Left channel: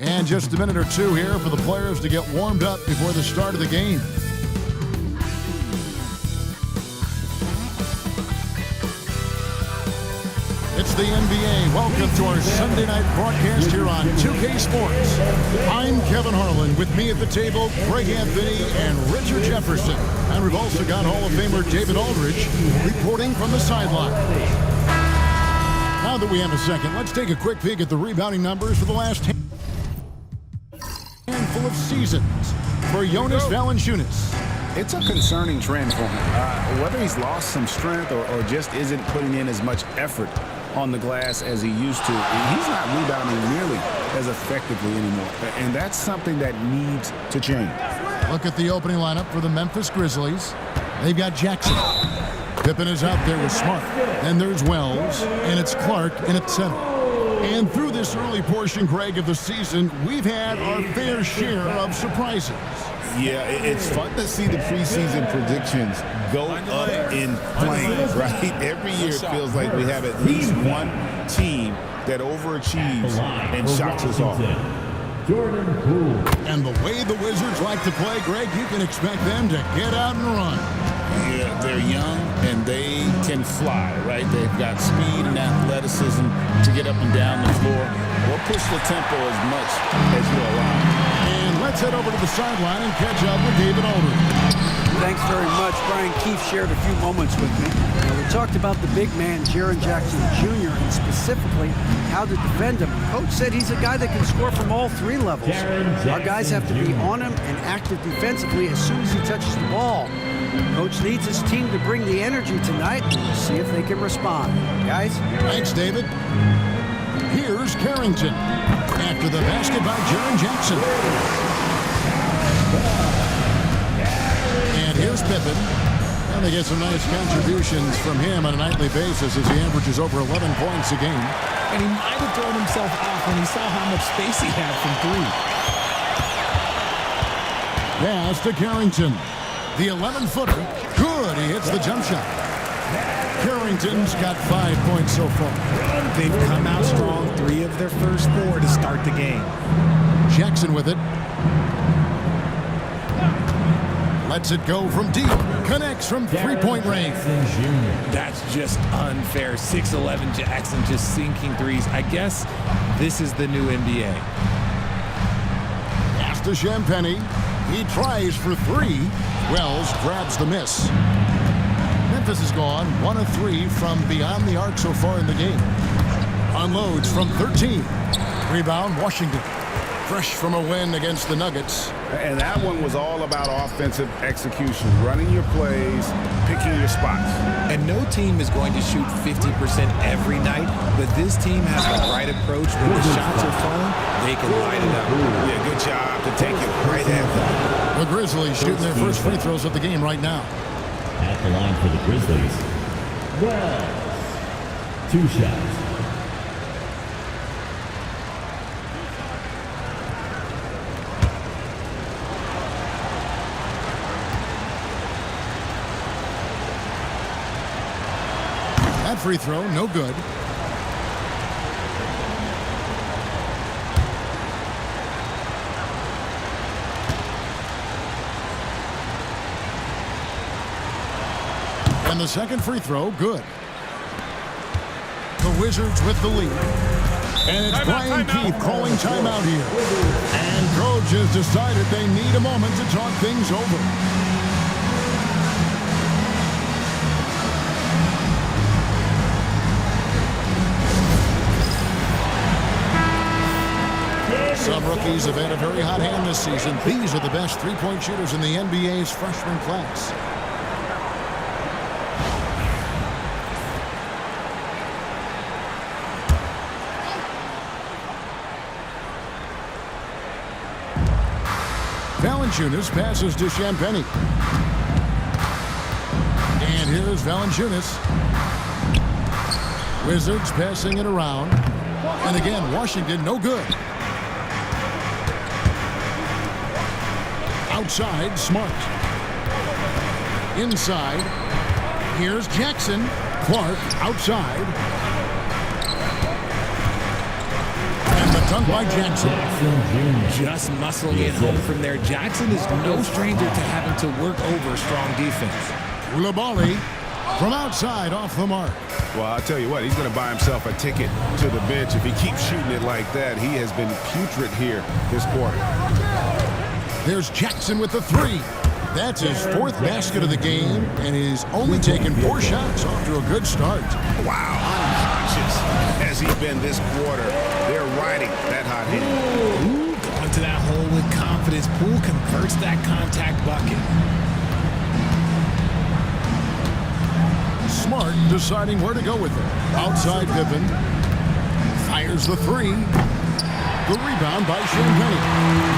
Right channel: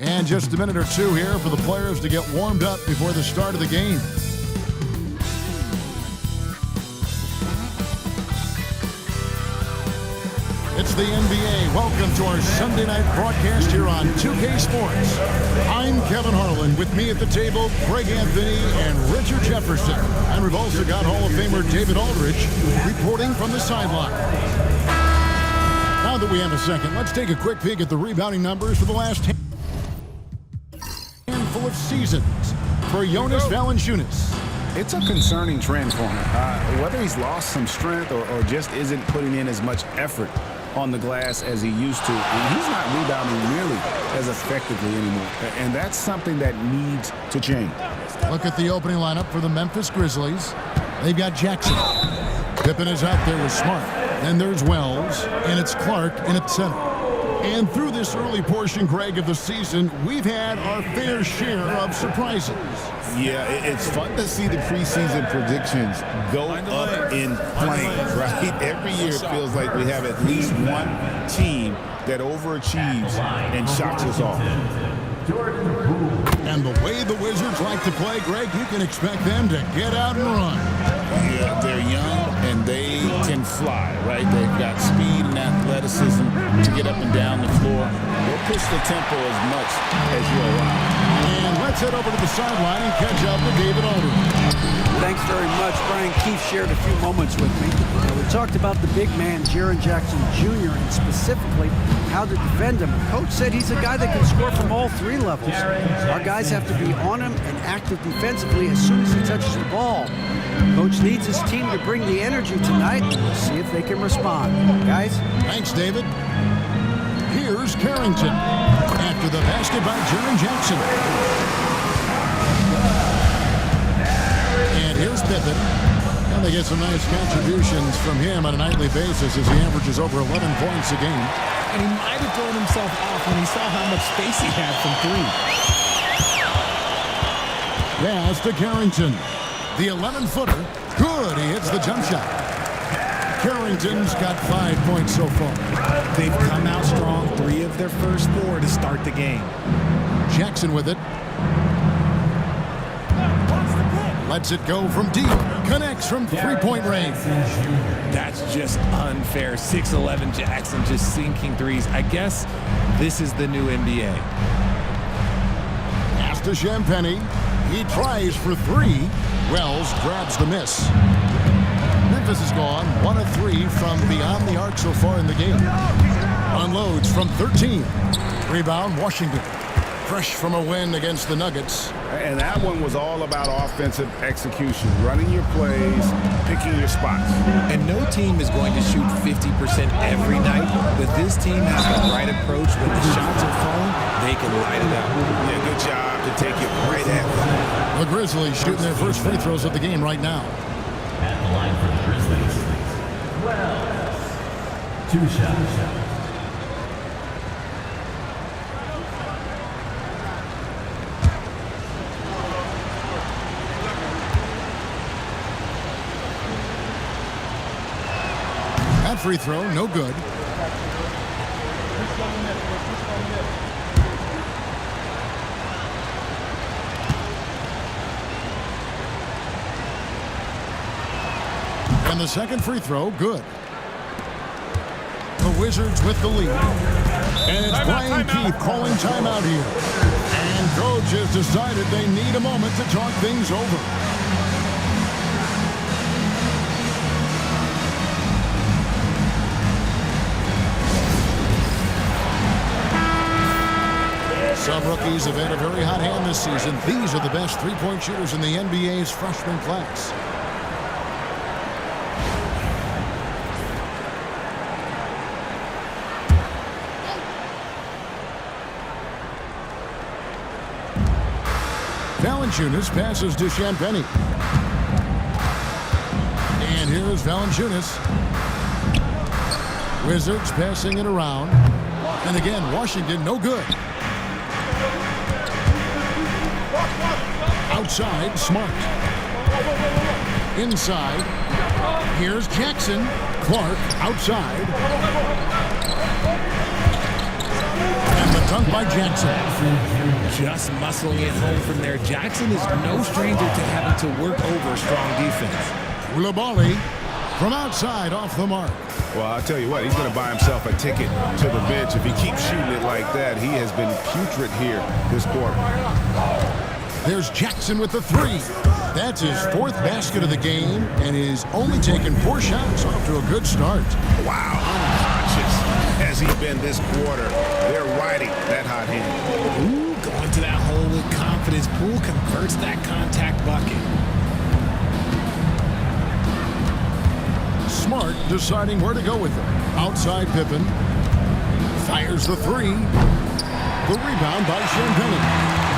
And just a minute or two here for the players to get warmed up before the start of the game. It's the NBA. Welcome to our Sunday night broadcast here on 2K Sports. I'm Kevin Harlan. With me at the table, Greg Anthony and Richard Jefferson. And we've also got Hall of Famer David Aldridge reporting from the sideline. Now that we have a second, let's take a quick peek at the rebounding numbers for the last handful of seasons for Jonas Valanciunas. It's a concerning trend for him. Whether he's lost some strength or just isn't putting in as much effort on the glass as he used to, he's not rebounding nearly as effectively anymore. And that's something that needs to change. Look at the opening lineup for the Memphis Grizzlies. They've got Jackson. Pippen is out there with Smart. Then there's Wells, and it's Clark in at center. And through this early portion, Greg, of the season, we've had our fair share of surprises. Yeah, it's fun to see the preseason predictions go up in flames, right? Every year it feels like we have at least one team that overachieves and shocks us all. And the way the Wizards like to play, Greg, you can expect them to get out and run. Yeah, they're young and they can fly, right? They've got speed and athleticism to get up and down the floor. They'll push the tempo as much as you allow. And let's head over to the sideline and catch up with David Aldridge. Thanks very much. Brian Keefe shared a few moments with me. Now, we talked about the big man, Jaren Jackson Jr., and specifically how to defend him. Coach said he's a guy that can score from all three levels. Our guys have to be on him and active defensively as soon as he touches the ball. Coach needs his team to bring the energy tonight, and we'll see if they can respond. Guys? Thanks, David. Here's Carrington after the basket by Jaren Jackson. And here's Pippen. And they get some nice contributions from him on a nightly basis as he averages over 11 points a game. And he might have thrown himself off when he saw how much space he had from three. Pass to Carrington. The 11-footer. Good. He hits the jump shot. Carrington's got 5 points so far. They've come out strong, 3 of their first 4 to start the game. Jackson with it. Lets it go from deep. Connects from three-point range. That's just unfair. 6'11" Jackson just sinking threes. I guess this is the new NBA. Pass to Champagnie. He tries for 3. Wells grabs the miss. Memphis has gone 1 of 3 from beyond the arc so far in the game. Unloads from 13. Rebound, Washington. Fresh from a win against the Nuggets. And that one was all about offensive execution, running your plays, picking your spots. And no team is going to shoot 50% every night, but this team has the right approach. When the shots are falling, they can light it up. Yeah, good job to take it right at them. The Grizzlies shooting their first free throws of the game right now. At the line for the Grizzlies, Wells. 2 shots. That free throw, no good. And the second free throw, good. The Wizards with the lead. And it's Brian Keefe calling timeout here. And coach has decided they need a moment to talk things over. Some rookies have had a very hot hand this season. These are the best three-point shooters in the NBA's freshman class. Valanciunas passes to Champagnie. And here's Valanciunas. Wizards passing it around. And again, Washington, no good. Outside, Smart. Inside, here's Jackson. Clark outside. And the The dunk by Jackson. Just muscling it home from there. Jackson is no stranger to having to work over strong defense. Koulibaly from outside off the mark. Well, I'll tell you what, he's going to buy himself a ticket to the bench if he keeps shooting it like that. He has been putrid here this quarter. There's Jackson with the three. That's his fourth basket of the game, and he's only taken 4 shots. Off to a good start. Wow, unconscious has he been this quarter. They're riding that hot hand. Ooh, going to that hole with confidence. Poole converts that contact bucket. Smart deciding where to go with it. Outside Pippen. Fires the three. The rebound by Champagnie.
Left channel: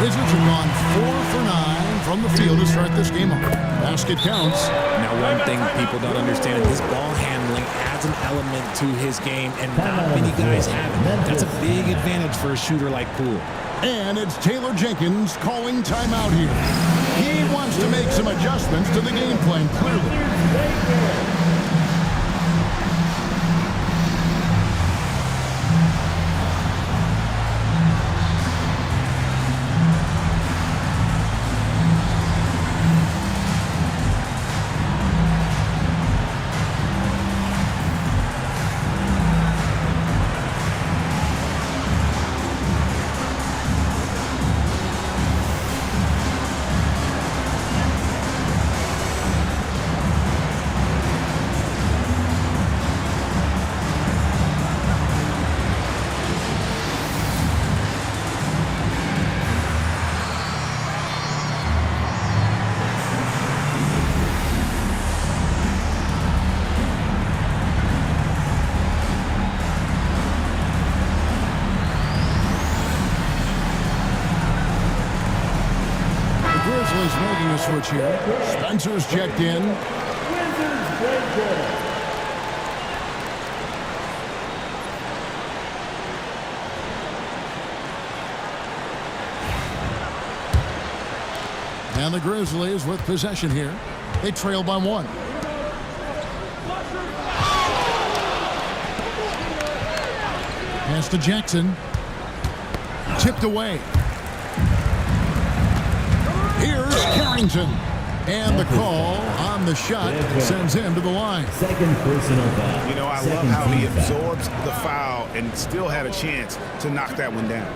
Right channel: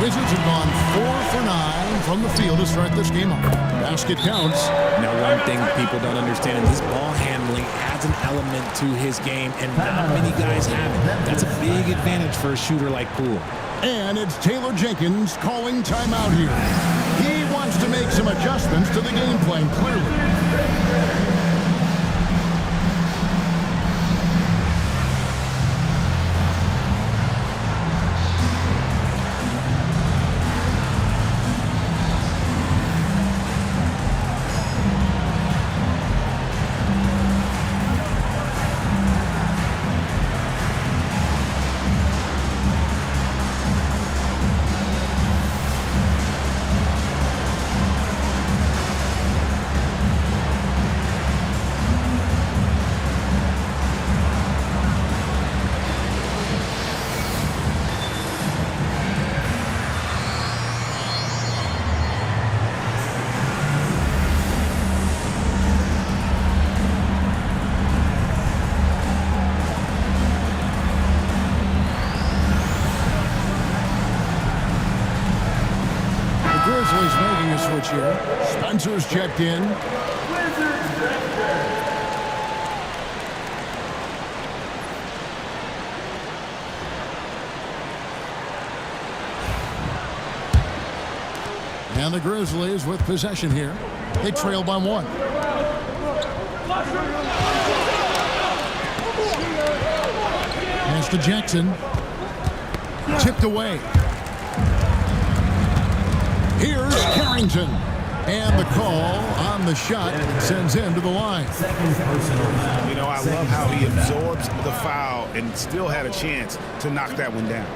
Wizards have gone 4 for 9 from the field to start this game off. Basket counts. Now, one thing people don't understand is his ball handling adds an element to his game, and not many guys have it. That's a big advantage for a shooter like Poole. And it's Taylor Jenkins calling timeout here. He wants to make some adjustments to the game plan, clearly. Grizzlies making a switch here. Spencer's checked in. And the Grizzlies with possession here. They trail by 1. Pass to Jackson. Tipped away. Here's Carrington. And the call on the shot sends him to the line. Second personal foul. You know, I love how he absorbs the foul and still had a chance to knock that one down.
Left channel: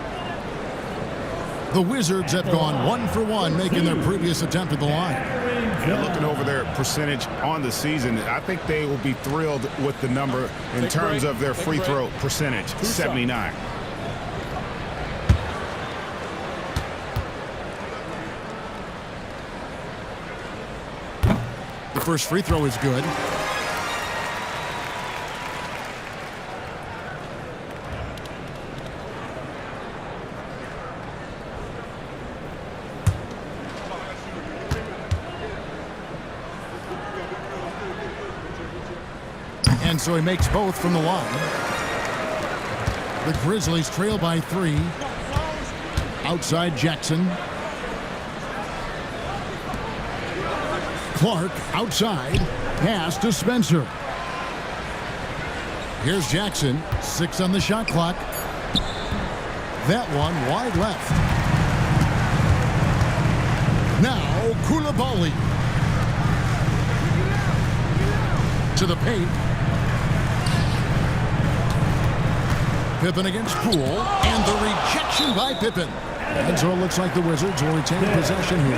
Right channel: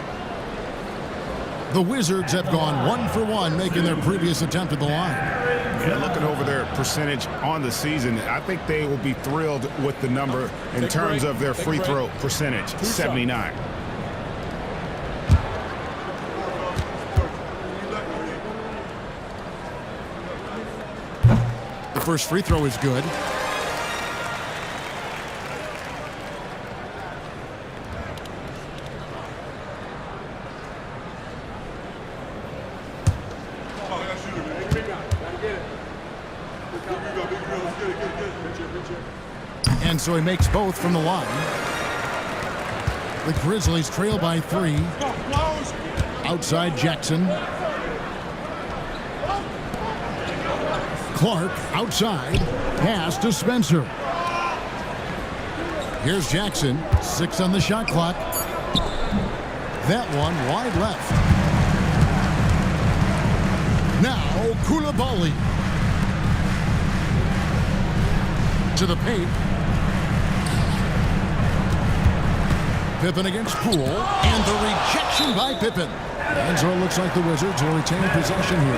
The Wizards have gone 1 for 1, making their previous attempt at the line. Yeah, looking over their percentage on the season, I think they will be thrilled with the number in terms of their free throw percentage, 79. The first free throw is good. And so he makes both from the line. The Grizzlies trail by 3. Outside Jackson. Clark outside. Pass to Spencer. Here's Jackson. 6 on the shot clock. That one wide left. Now Koulibaly. To the paint. Pippen against Poole, and the rejection by Pippen. And so it looks like the Wizards will retain possession here.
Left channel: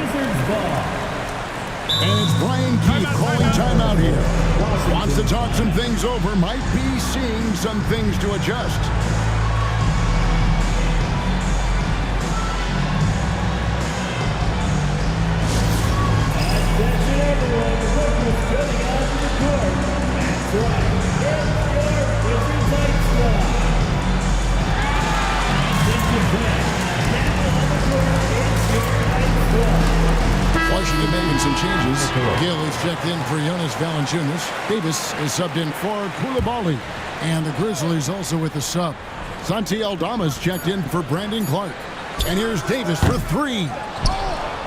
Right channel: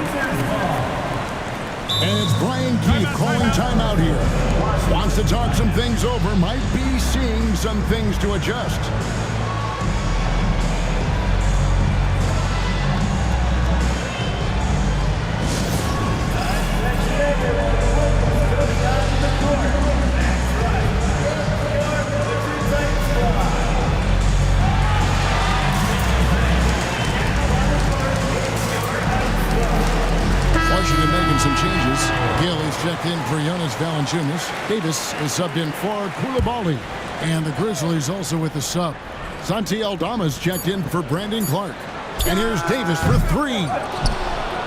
And it's Brian Keefe calling timeout here. Wants to talk some things over, might be seeing some things to adjust. Washington making some changes. Gill is checked in for Jonas Valanciunas. Davis is subbed in for Koulibaly. And the Grizzlies also with the sub. Santi Aldama's checked in for Brandon Clark. And here's Davis for 3.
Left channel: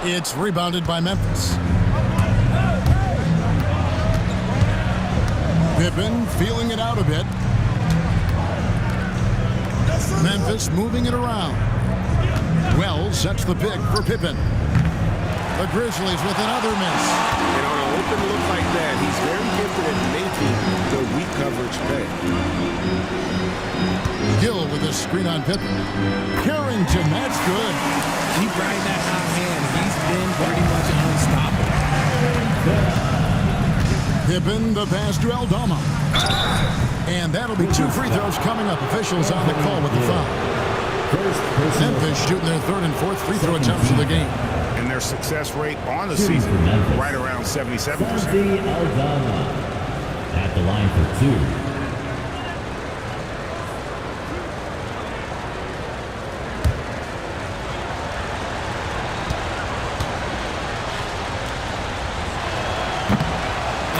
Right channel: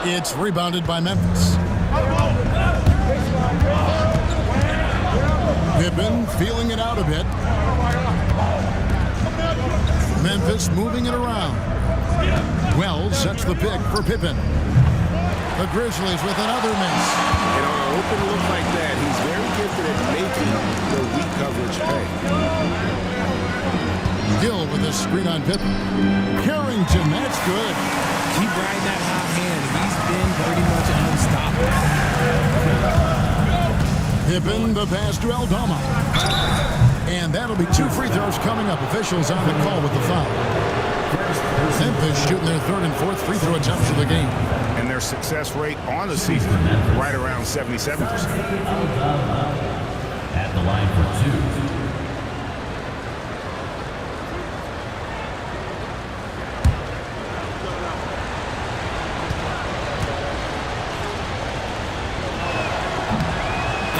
It's rebounded by Memphis. Pippen feeling it out a bit. Memphis moving it around. Wells sets the pick for Pippen. The Grizzlies with another miss. And on an open look like that, he's very gifted at making the weak coverage pay. Gill with a screen on Pippen. Carrington, that's good. Keep riding that hot hand. He's been pretty much unstoppable. Pippen, the pass to Aldama. And that'll be 2 free throws coming up. Officials on the call with the foul. Memphis shooting their 3rd and 4th free throw attempts of the game. And their success rate on the season, right around 77%. Aldama at the line for 2.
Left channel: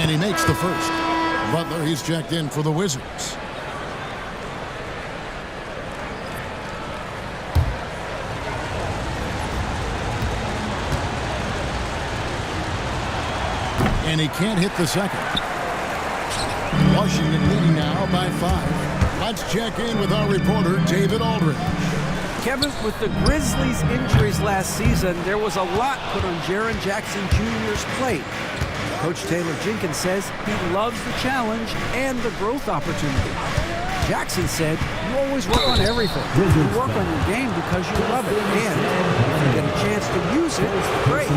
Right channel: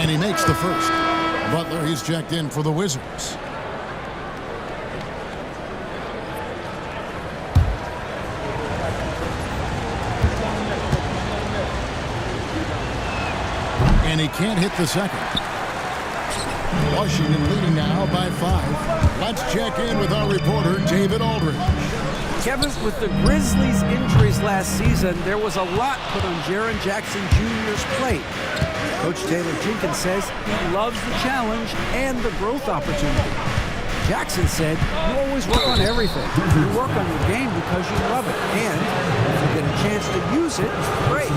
And he makes the first. Butler, he's checked in for the Wizards. And he can't hit the second. Washington leading now by 5. Let's check in with our reporter, David Aldridge. Kevin, with the Grizzlies' injuries last season, there was a lot put on Jaren Jackson Jr.'s plate. Coach Taylor Jenkins says he loves the challenge and the growth opportunity. Jackson said, you always work on everything. You work on your game because you love it. And if you get a chance to use it, great.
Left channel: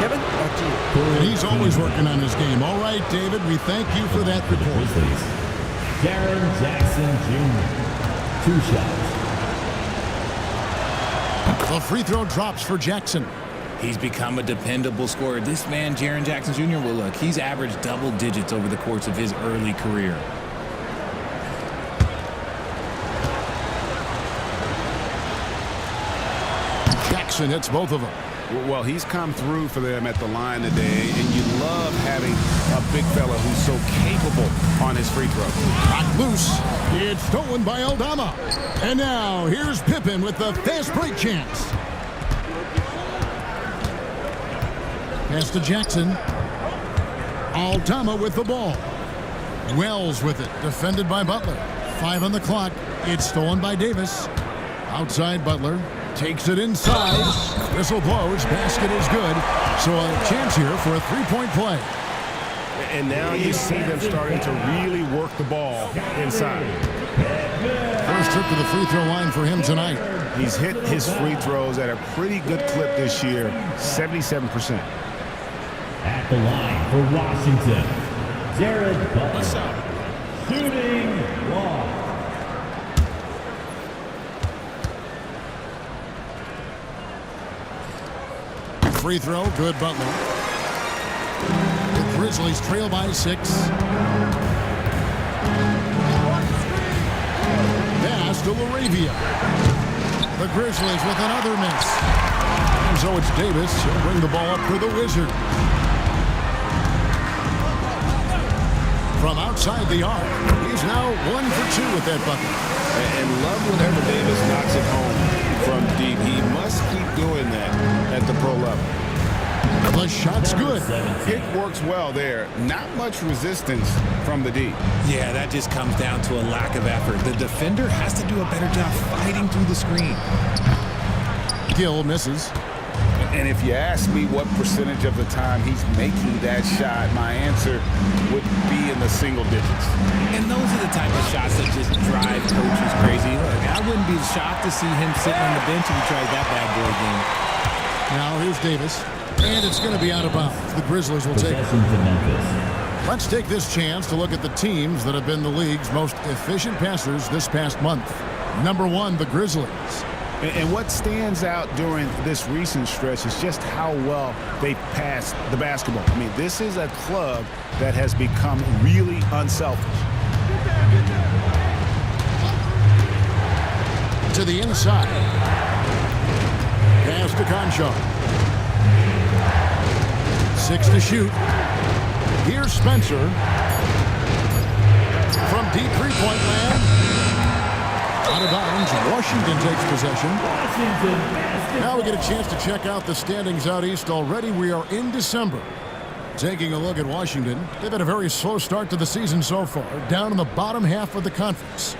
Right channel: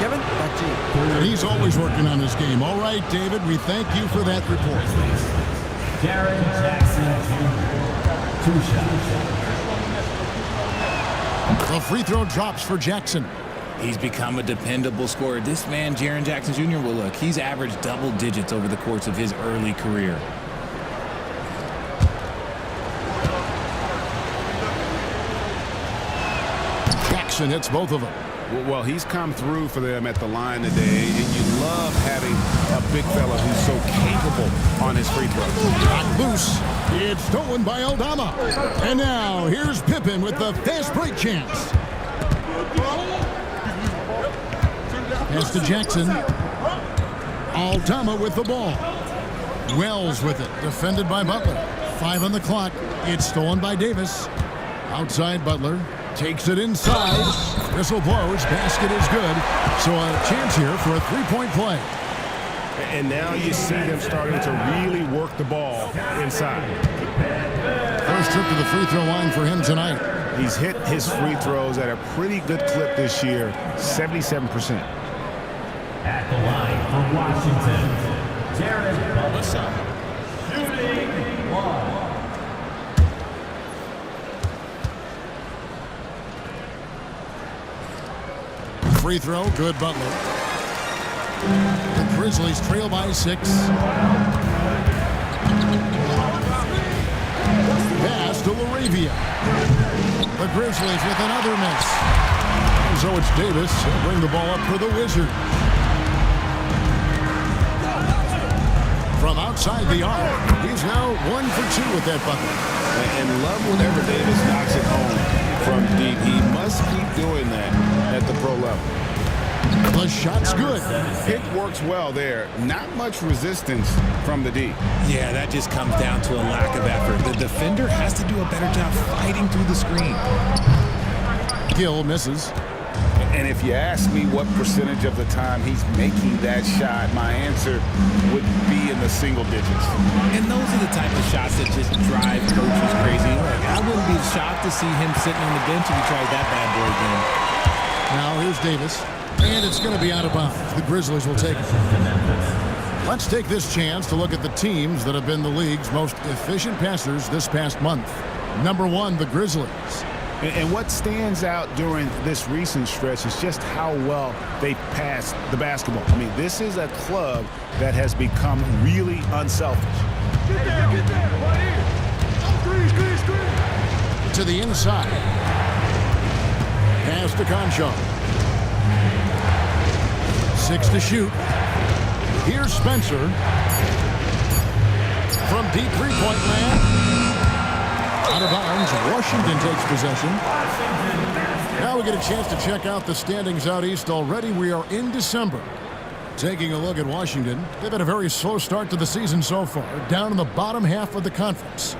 Kevin, back to you. And he's always working on his game. All right, David, we thank you for that report. Jaren Jackson Jr. 2 shots. The free throw drops for Jackson. He's become a dependable scorer. This man, Jaren Jackson Jr., well, look, he's averaged double digits over the course of his early career. Jackson hits both of them. Well, he's come through for them at the line today, and you love having a big fella who's so capable on his free throws. Knocked loose. It's stolen by Aldama. And now here's Pippen with the fast break chance. Pass to Jackson. Aldama with the ball. Wells with it. Defended by Butler. 5 on the clock. It's stolen by Davis. Outside Butler. Takes it inside. Whistle blows. Basket is good. So a chance here for a 3-point play. And now you see them starting to really work the ball inside. First trip to the free throw line for him tonight. He's hit his free throws at a pretty good clip this year, 77%. At the line for Washington, Jared Butler. What's up? Shooting 1. Free throw, good Butler. The Grizzlies trail by 6. Pass to Laravia. The Grizzlies with another miss. And so it's Davis. He'll bring the ball up for the Wizards. From outside the arc, he's now 1 for 2 with that bucket. And love whenever Davis knocks it home from deep. He must keep doing that at the pro level. The shot's good. Pick works well there. Not much resistance from the D. Yeah, that just comes down to a lack of effort. The defender has to do a better job fighting through the screen. Gill misses. And if you ask me what percentage of the time he's making that shot, my answer would be in the single digits. And those are the type of shots that just drive coaches crazy. Look, I wouldn't be shocked to see him sitting on the bench if he tries that bad boy again. Now here's Davis. And it's going to be out of bounds. The Grizzlies will take it. Let's take this chance to look at the teams that have been the league's most efficient passers this past month. Number 1, the Grizzlies. And what stands out during this recent stretch is just how well they passed the basketball. I mean, this is a club that has become really unselfish. Get there, get there. To the inside. Pass to Conchar. 6 to shoot. Here's Spencer. From deep three-point land. Out of bounds. Washington takes possession. Now we get a chance to check out the standings out east already. We are in December. Taking a look at Washington. They've had a very slow start to the season so far. Down in the bottom half of the conference.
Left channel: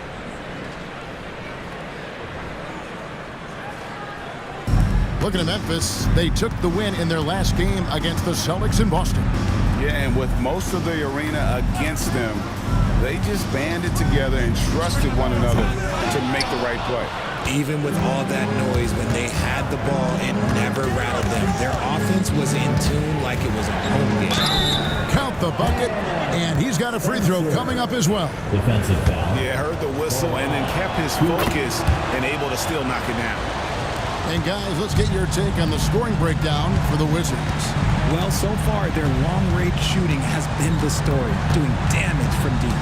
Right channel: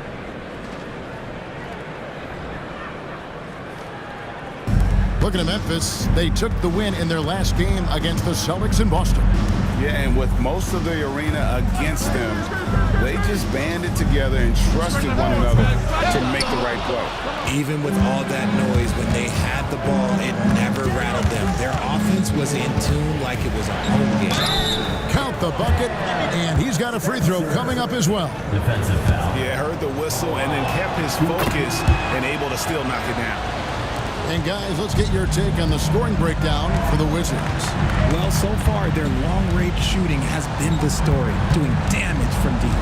Looking at Memphis, they took the win in their last game against the Celtics in Boston. Yeah, and with most of the arena against them, they just banded together and trusted one another to make the right play. Even with all that noise, when they had the ball, it never rattled them. Their offense was in tune like it was a home game. Count the bucket, and he's got a free throw coming up as well. Defensive foul. Yeah, heard the whistle and then kept his focus and able to still knock it down. And guys, let's get your take on the scoring breakdown for the Wizards. Well, so far, their long-range shooting has been the story, doing damage from deep.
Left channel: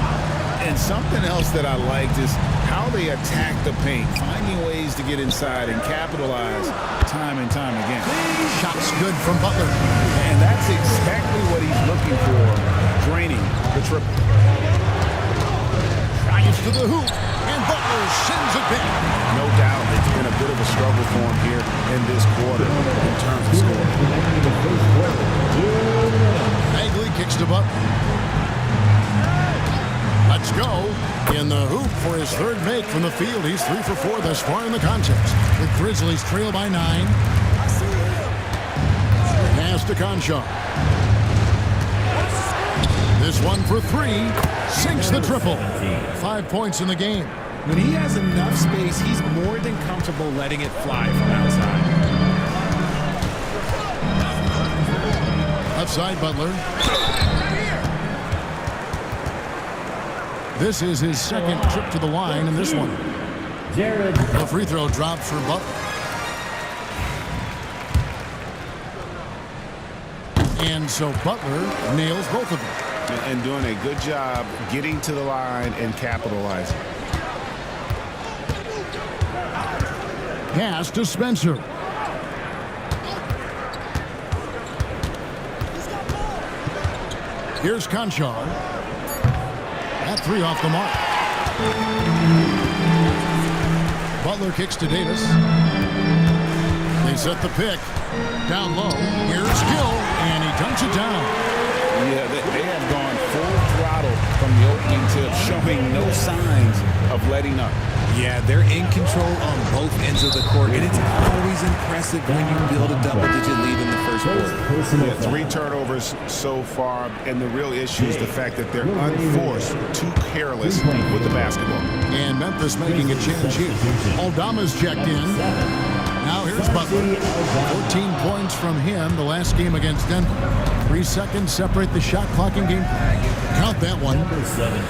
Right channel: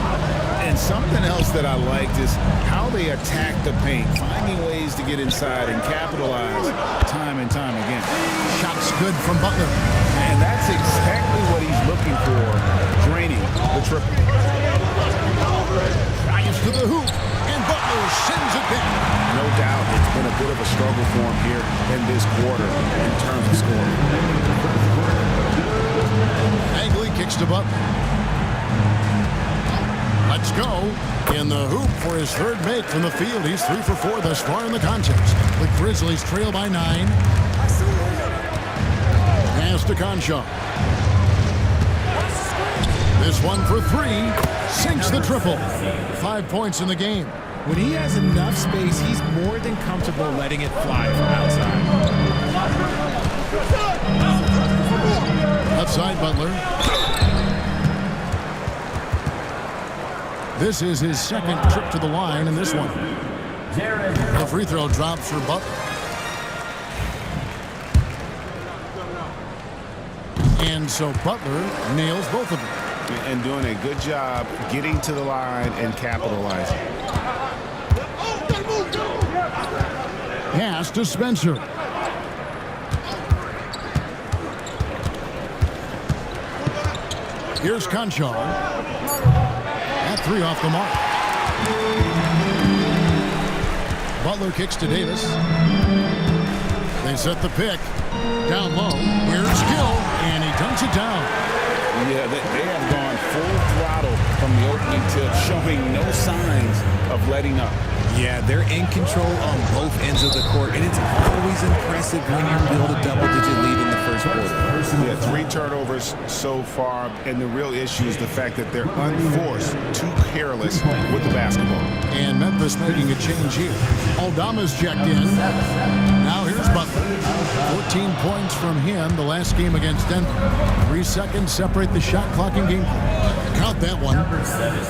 And something else that I liked is how they attack the paint, finding ways to get inside and capitalize time and time again. Shots good from Butler. And that's exactly what he's looking for, draining the triple. Drives to the hoop, and Butler sends it back. No doubt it's been a bit of a struggle for him here in this quarter in terms of scoring. Bagley kicks to Butler. Let's go. In the hoop for his third make from the field. He's 3 for 4 thus far in the contest. The Grizzlies trail by 9. Pass to Conchar. This one for 3. Sinks the triple. 5 points in the game. When he has enough space, he's more than comfortable letting it fly from outside. Outside Butler. This is his second trip to the line in this one. The free throw drops for Butler. And so Butler nails both of them. And doing a good job getting to the line and capitalizing. Pass to Spencer. Here's Conchar. That 3 off the mark. Butler kicks to Davis. They set the pick. Down low. Here's Gill, and he dunks it down. Yeah, they have gone full throttle from the opening tip, showing no signs of letting up. Yeah, they're in control on both ends of the court, and it's always impressive when you build a double-digit lead in the first quarter. Yeah, 3 turnovers so far, and the real issue is the fact that they're unforced, too careless with the basketball. And Memphis making a change here. Aldama's checked in. Now here's Butler. 14 points from him the last game against Denver. 3 seconds separate the shot clock and gameplay. Count that one.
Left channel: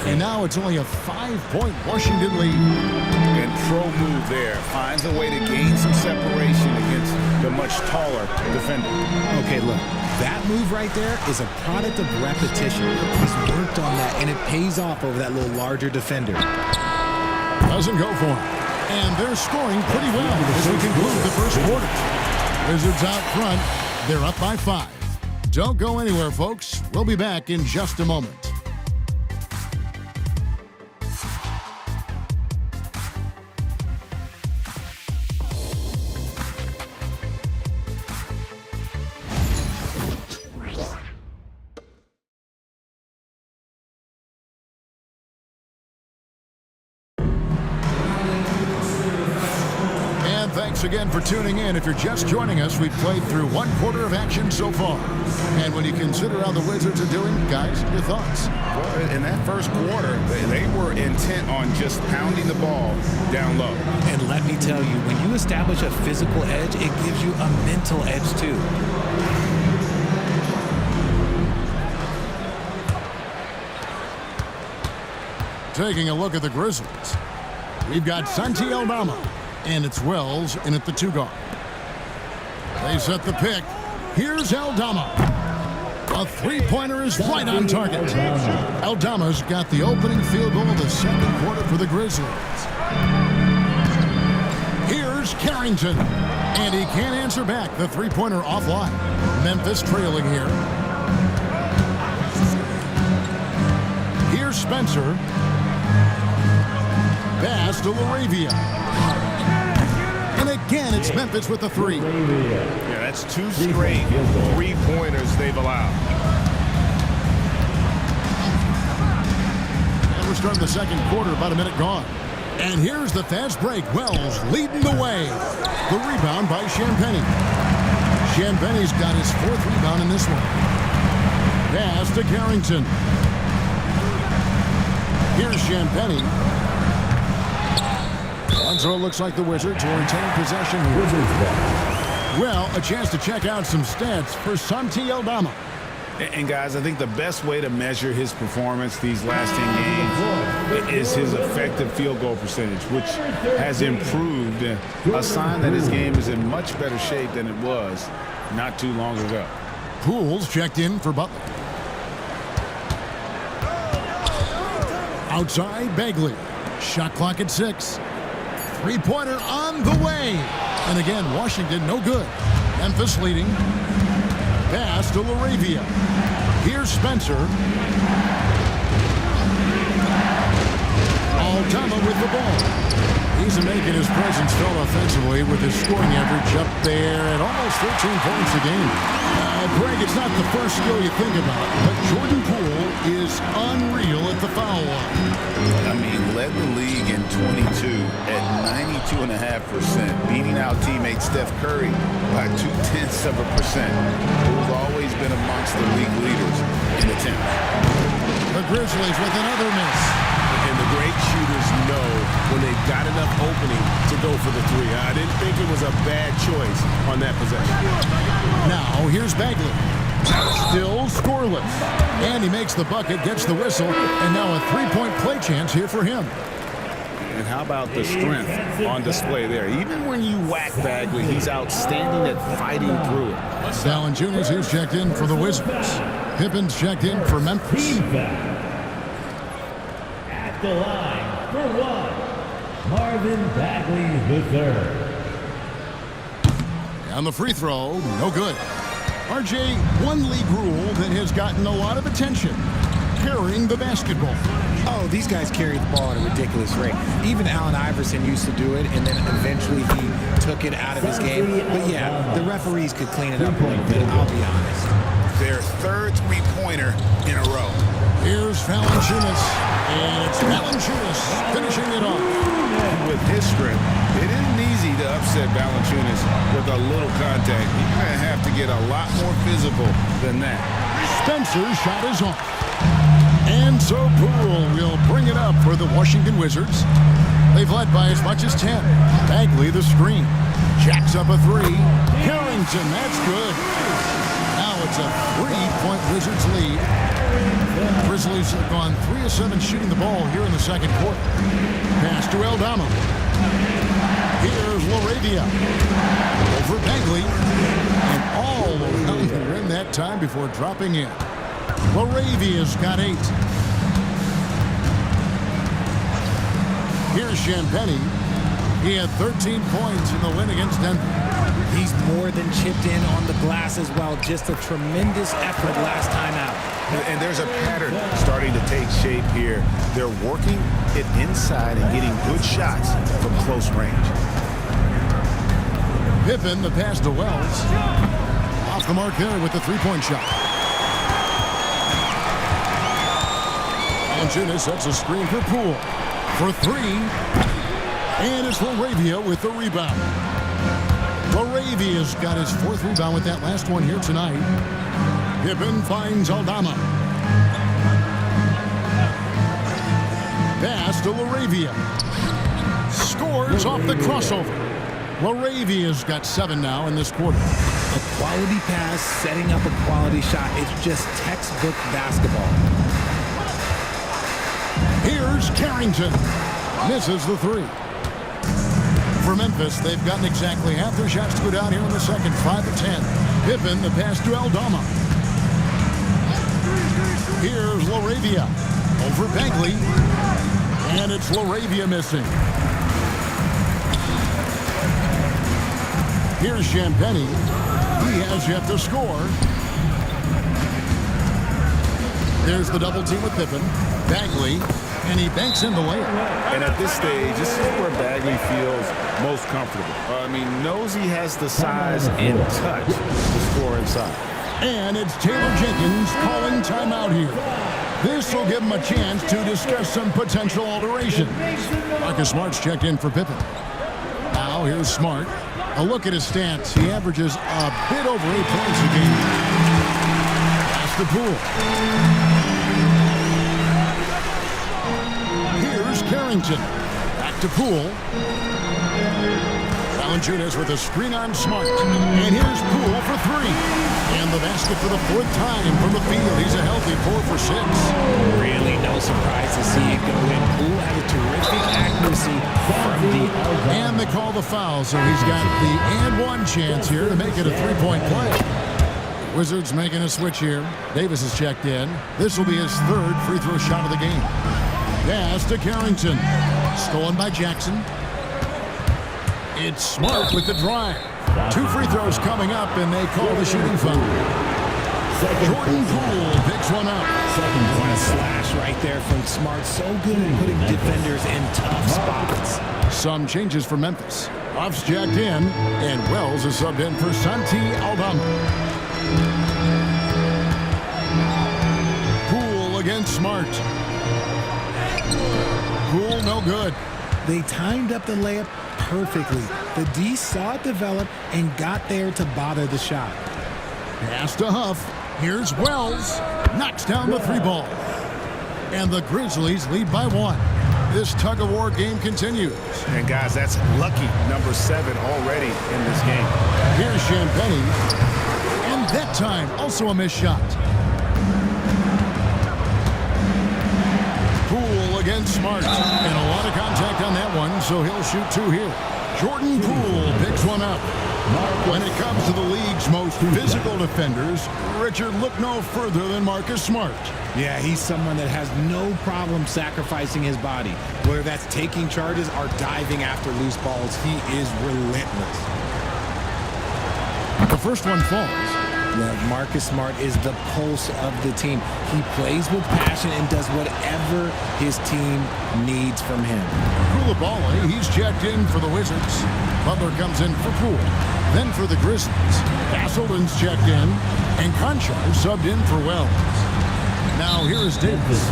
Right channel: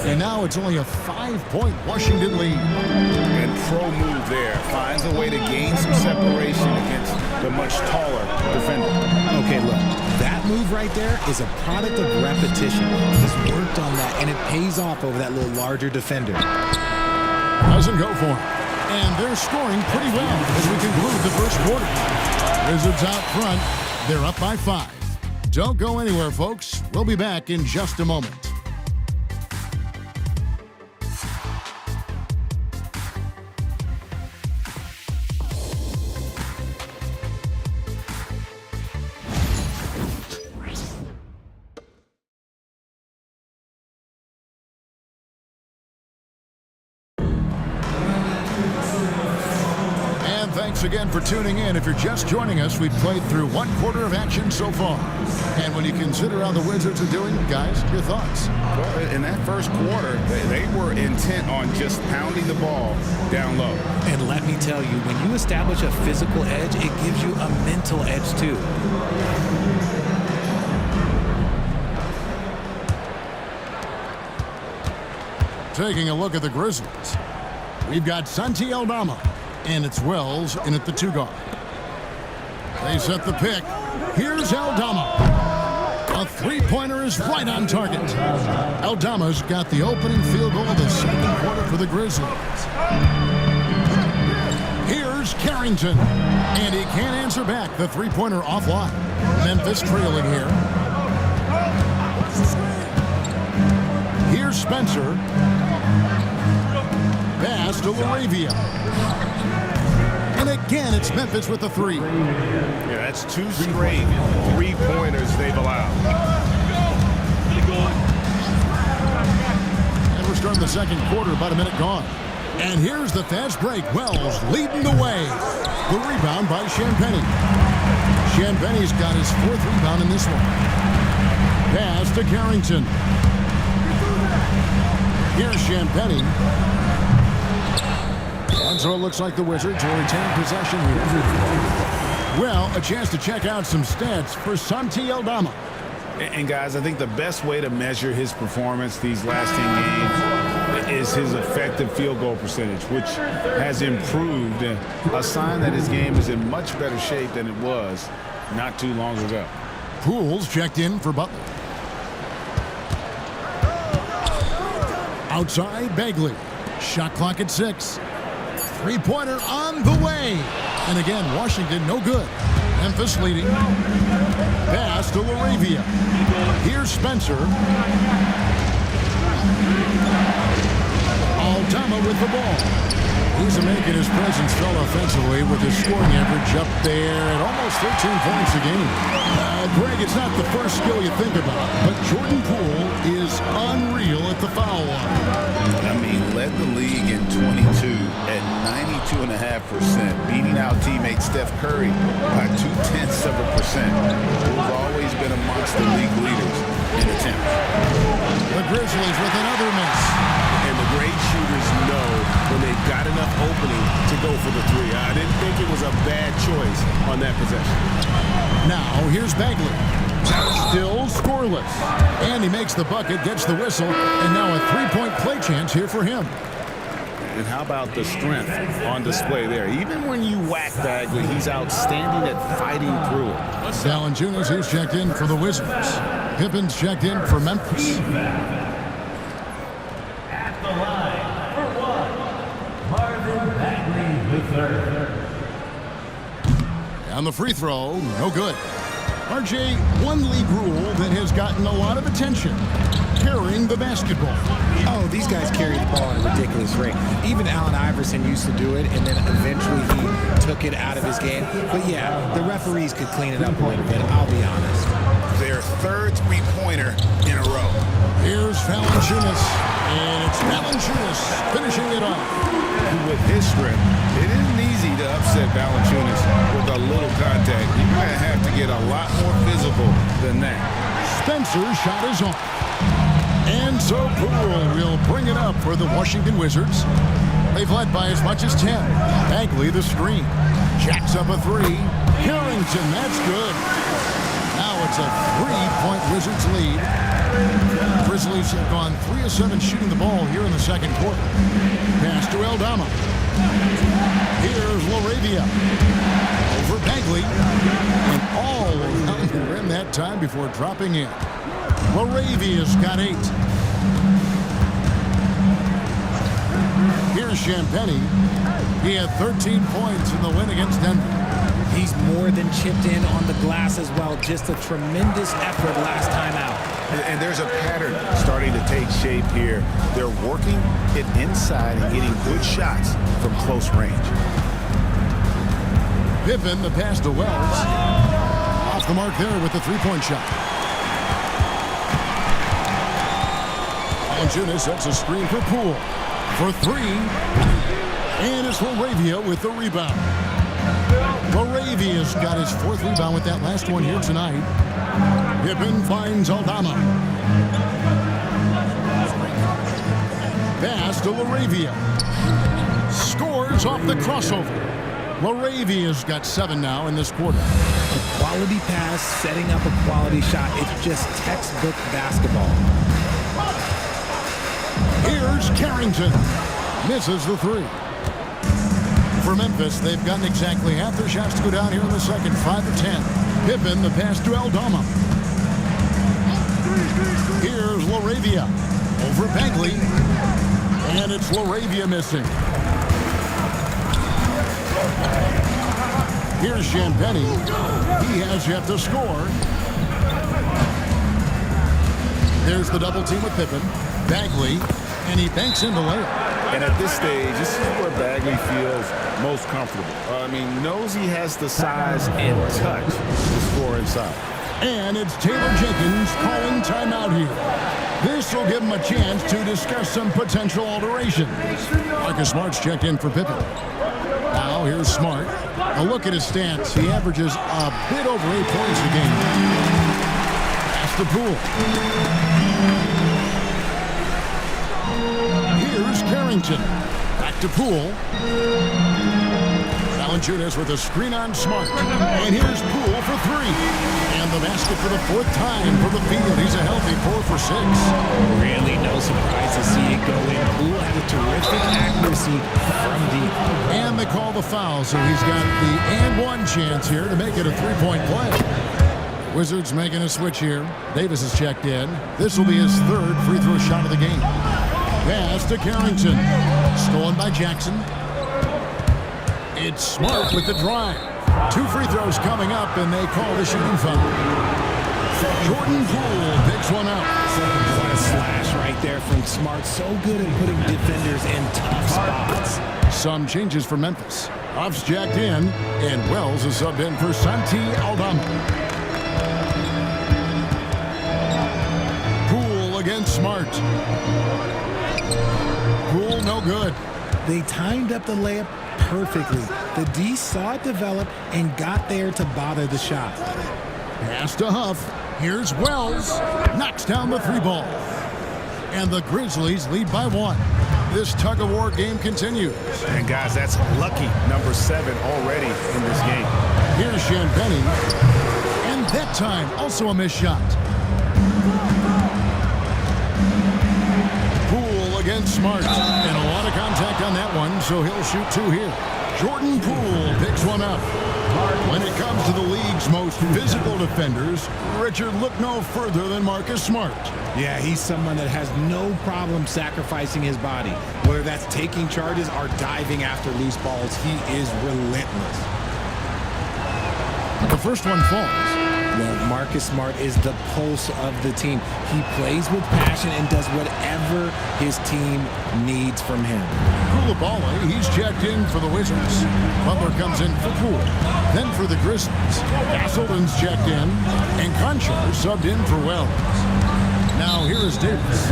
And now it's only a 5-point Washington lead. And pro move there. Finds a way to gain some separation against the much taller defender. Okay, look. That move right there is a product of repetition. He's worked on that, and it pays off over that little larger defender. Doesn't go for him. And they're scoring pretty well as we conclude the first quarter. Wizards out front. They're up by 5. Don't go anywhere, folks. We'll be back in just a moment. Thanks again for tuning in. If you're just joining us, we've played through 1 quarter of action so far. And when you consider how the Wizards are doing, guys, your thoughts? Well, in that first quarter, they were intent on just pounding the ball down low. And let me tell you, when you establish a physical edge, it gives you a mental edge too. Taking a look at the Grizzlies, we've got Santi Aldama. And it's Wells in at the 2 guard. They set the pick. Here's Aldama. A 3-pointer is right on target. Aldama's got the opening field goal of the second quarter for the Grizzlies. Here's Carrington. And he can't answer back. The 3-pointer offline. Memphis trailing here. Here's Spencer. Pass to LaRavia. And again, it's Memphis with the 3. Yeah, that's 2 straight 3-pointers they've allowed. And we're starting the second quarter, about a minute gone. And here's the fast break. Wells leading the way. The rebound by Champagnie. Champagnie's got his 4th rebound in this one. Pass to Carrington. Here's Champagnie. And so it looks like the Wizards will retain possession here. Well, a chance to check out some stats for Santi Aldama. And guys, I think the best way to measure his performance these last 10 games is his effective field goal percentage, which has improved, a sign that his game is in much better shape than it was not too long ago. Pools checked in for Butler. Outside, Bagley. Shot clock at 6. Three-pointer on the way. And again, Washington no good. Memphis leading. Pass to LaRavia. Here's Spencer. Aldama with the ball. He's making his presence felt offensively with his scoring average up there at almost 13 points a game. Greg, it's not the first skill you think about, but Jordan Poole is unreal at the foul line. I mean, led the league in 22 at 92.5%, beating out teammate Steph Curry by 0.2%. Poole's always been amongst the league leaders in attempts. The Grizzlies with another miss. And the great shooters know when they've got enough opening to go for the 3. I didn't think it was a bad choice on that possession. Now, here's Bagley. Still scoreless. And he makes the bucket, gets the whistle, and now a 3-point play chance here for him. And how about the strength on display there? Even when you whack Bagley, he's outstanding at fighting through it. Valanciunas, who's checked in for the Wizards. Pippen's checked in for Memphis. At the line for 1, Marvin Bagley III. On the free throw, no good. RJ, one league rule that has gotten a lot of attention. Carrying the basketball. Oh, these guys carry the ball at a ridiculous rate. Even Allen Iverson used to do it, and then eventually he took it out of his game. But yeah, the referees could clean it up a little bit, I'll be honest. Their 3rd three-pointer in a row. Here's Valanciunas, and it's Valanciunas finishing it off. With his strength, it isn't easy to upset Valanciunas with a little contact. You're going to have to get a lot more physical than that. Spencer's shot is off. And so Poole will bring it up for the Washington Wizards. They've led by as much as 10. Bagley the screen. Jacks up a 3. Carrington, that's good. Now it's a 3-point Wizards lead. Grizzlies have gone 3 of 7 shooting the ball here in the second quarter. Pass to Aldama. Here's LaRavia. Over Bagley. And all around the rim that time before dropping in. LaRavia's got 8. Here's Champagnie. He had 13 points in the win against Denver. He's more than chipped in on the glass as well. Just a tremendous effort last time out. And there's a pattern starting to take shape here. They're working it inside and getting good shots from close range. Pippen, the pass to Wells. Off the mark there with the 3-point shot. Valanciunas sets a screen for Poole. For 3. And it's LaRavia with the rebound. LaRavia's got his 4th rebound with that last one here tonight. Pippen finds Aldama. Pass to LaRavia. Scores off the crossover. LaRavia's got 7 now in this quarter. A quality pass, setting up a quality shot. It's just textbook basketball. Here's Carrington. Misses the 3. For Memphis, they've gotten exactly half their shots to go down here in the second, 5 of 10. Pippen, the pass to Aldama. Here's LaRavia. Over Bagley. And it's LaRavia missing. Here's Champagnie. He has yet to score. There's the double team with Pippen. Bagley. And he banks in the layup. And at this stage, this is where Bagley feels most comfortable. Knows he has the size and touch to score inside. And it's Taylor Jenkins calling timeout here. This will give him a chance to discuss some potential alterations. Marcus Smart's checked in for Pippen. Now here's Smart. A look at his stats. He averages a bit over 8 points a game. Pass to Poole. Here's Carrington. Back to Poole. Valanciunas with a screen on Smart. And here's Poole for three. And the basket for the fourth time from the field. He's a healthy 4 for 6. Really no surprise to see it go in. Poole has a terrific accuracy from deep. And they call the foul, so he's got the and one chance here to make it a three-point play. Wizards making a switch here. Davis is checked in. This will be his third free throw shot of the game. Pass to Carrington. Stolen by Jackson. It's Smart with the drive. 2 free throws coming up, and they call the shooting foul. Jordan Poole picks one up. What a slash right there from Smart. So good at putting defenders in tough spots. Some changes for Memphis. Off's jacked in, and Wells is subbed in for Santi Aldama. Poole against Smart. Poole no good. They timed up the layup perfectly. The D saw it develop and got there to bother the shot. Pass to Huff. Here's Wells. Knocks down the 3 ball. And the Grizzlies lead by 1. This tug-of-war game continues. And guys, that's lucky number 7 already in this game. Here's Champagnie. And that time, also a missed shot. Poole against Smart. And a lot of contact on that one, so he'll shoot 2 here. Jordan Poole picks one up. When it comes to the league's most physical defenders, Richard, look no further than Marcus Smart. Yeah, he's someone that has no problem sacrificing his body. Whether that's taking charges or diving after loose balls, he is relentless. The first one falls. Well, Marcus Smart is the pulse of the team. He plays with passion and does whatever his team needs from him. Koulibaly, he's checked in for the Wizards. Butler comes in for Poole. Then for the Grizzlies, Castleton's checked in, and Conchar subbed in for Wells. Now here is Davis.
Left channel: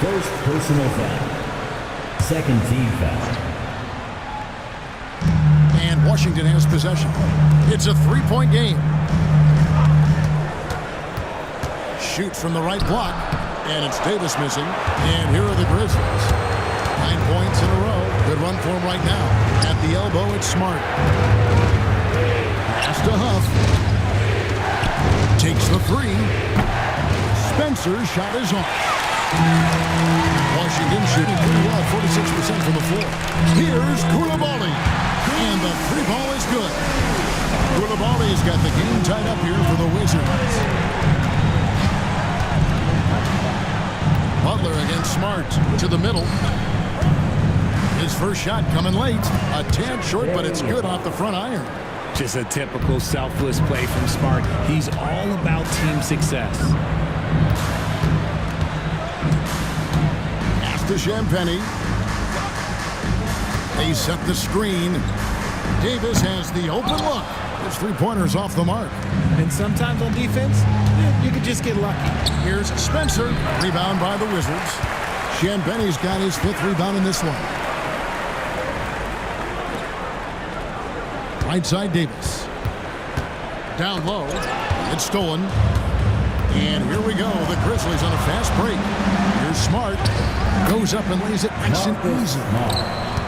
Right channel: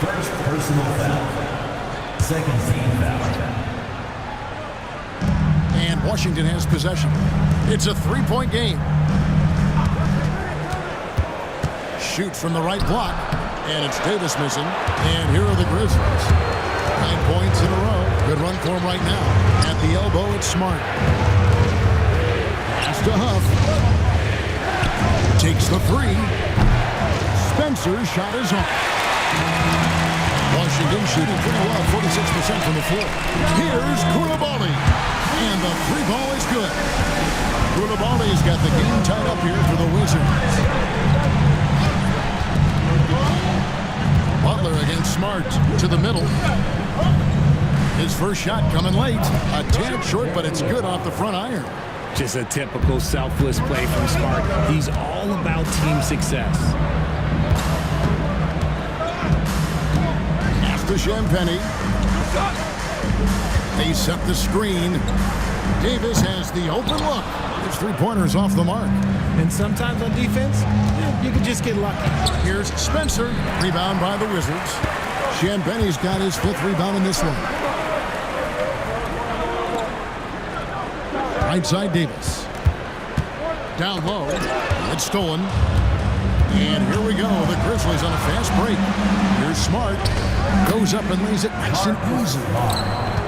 First personal foul. Second team foul. And Washington has possession. It's a 3-point game. Shoot from the right block, and it's Davis missing. And here are the Grizzlies. 9 points in a row. Good run for him right now. At the elbow, it's Smart. Pass to Huff. Takes the 3. Spencer's shot is off. Washington shooting pretty well, 46% from the floor. Here's Koulibaly. And the 3 ball is good. Koulibaly's got the game tied up here for the Wizards. Butler against Smart to the middle. His first shot coming late. A tad short, but it's good off the front iron. Just a typical selfless play from Smart. He's all about team success. Pass to Champagnie. They set the screen. Davis has the open look. His 3-pointer's off the mark. And sometimes on defense, you could just get lucky. Here's Spencer. Rebound by the Wizards. Champagnie's got his 5th rebound in this one. Right side, Davis. Down low. It's stolen. And here we go. The Grizzlies on a fast break. Here's Smart. Goes up and lays it nice and easy.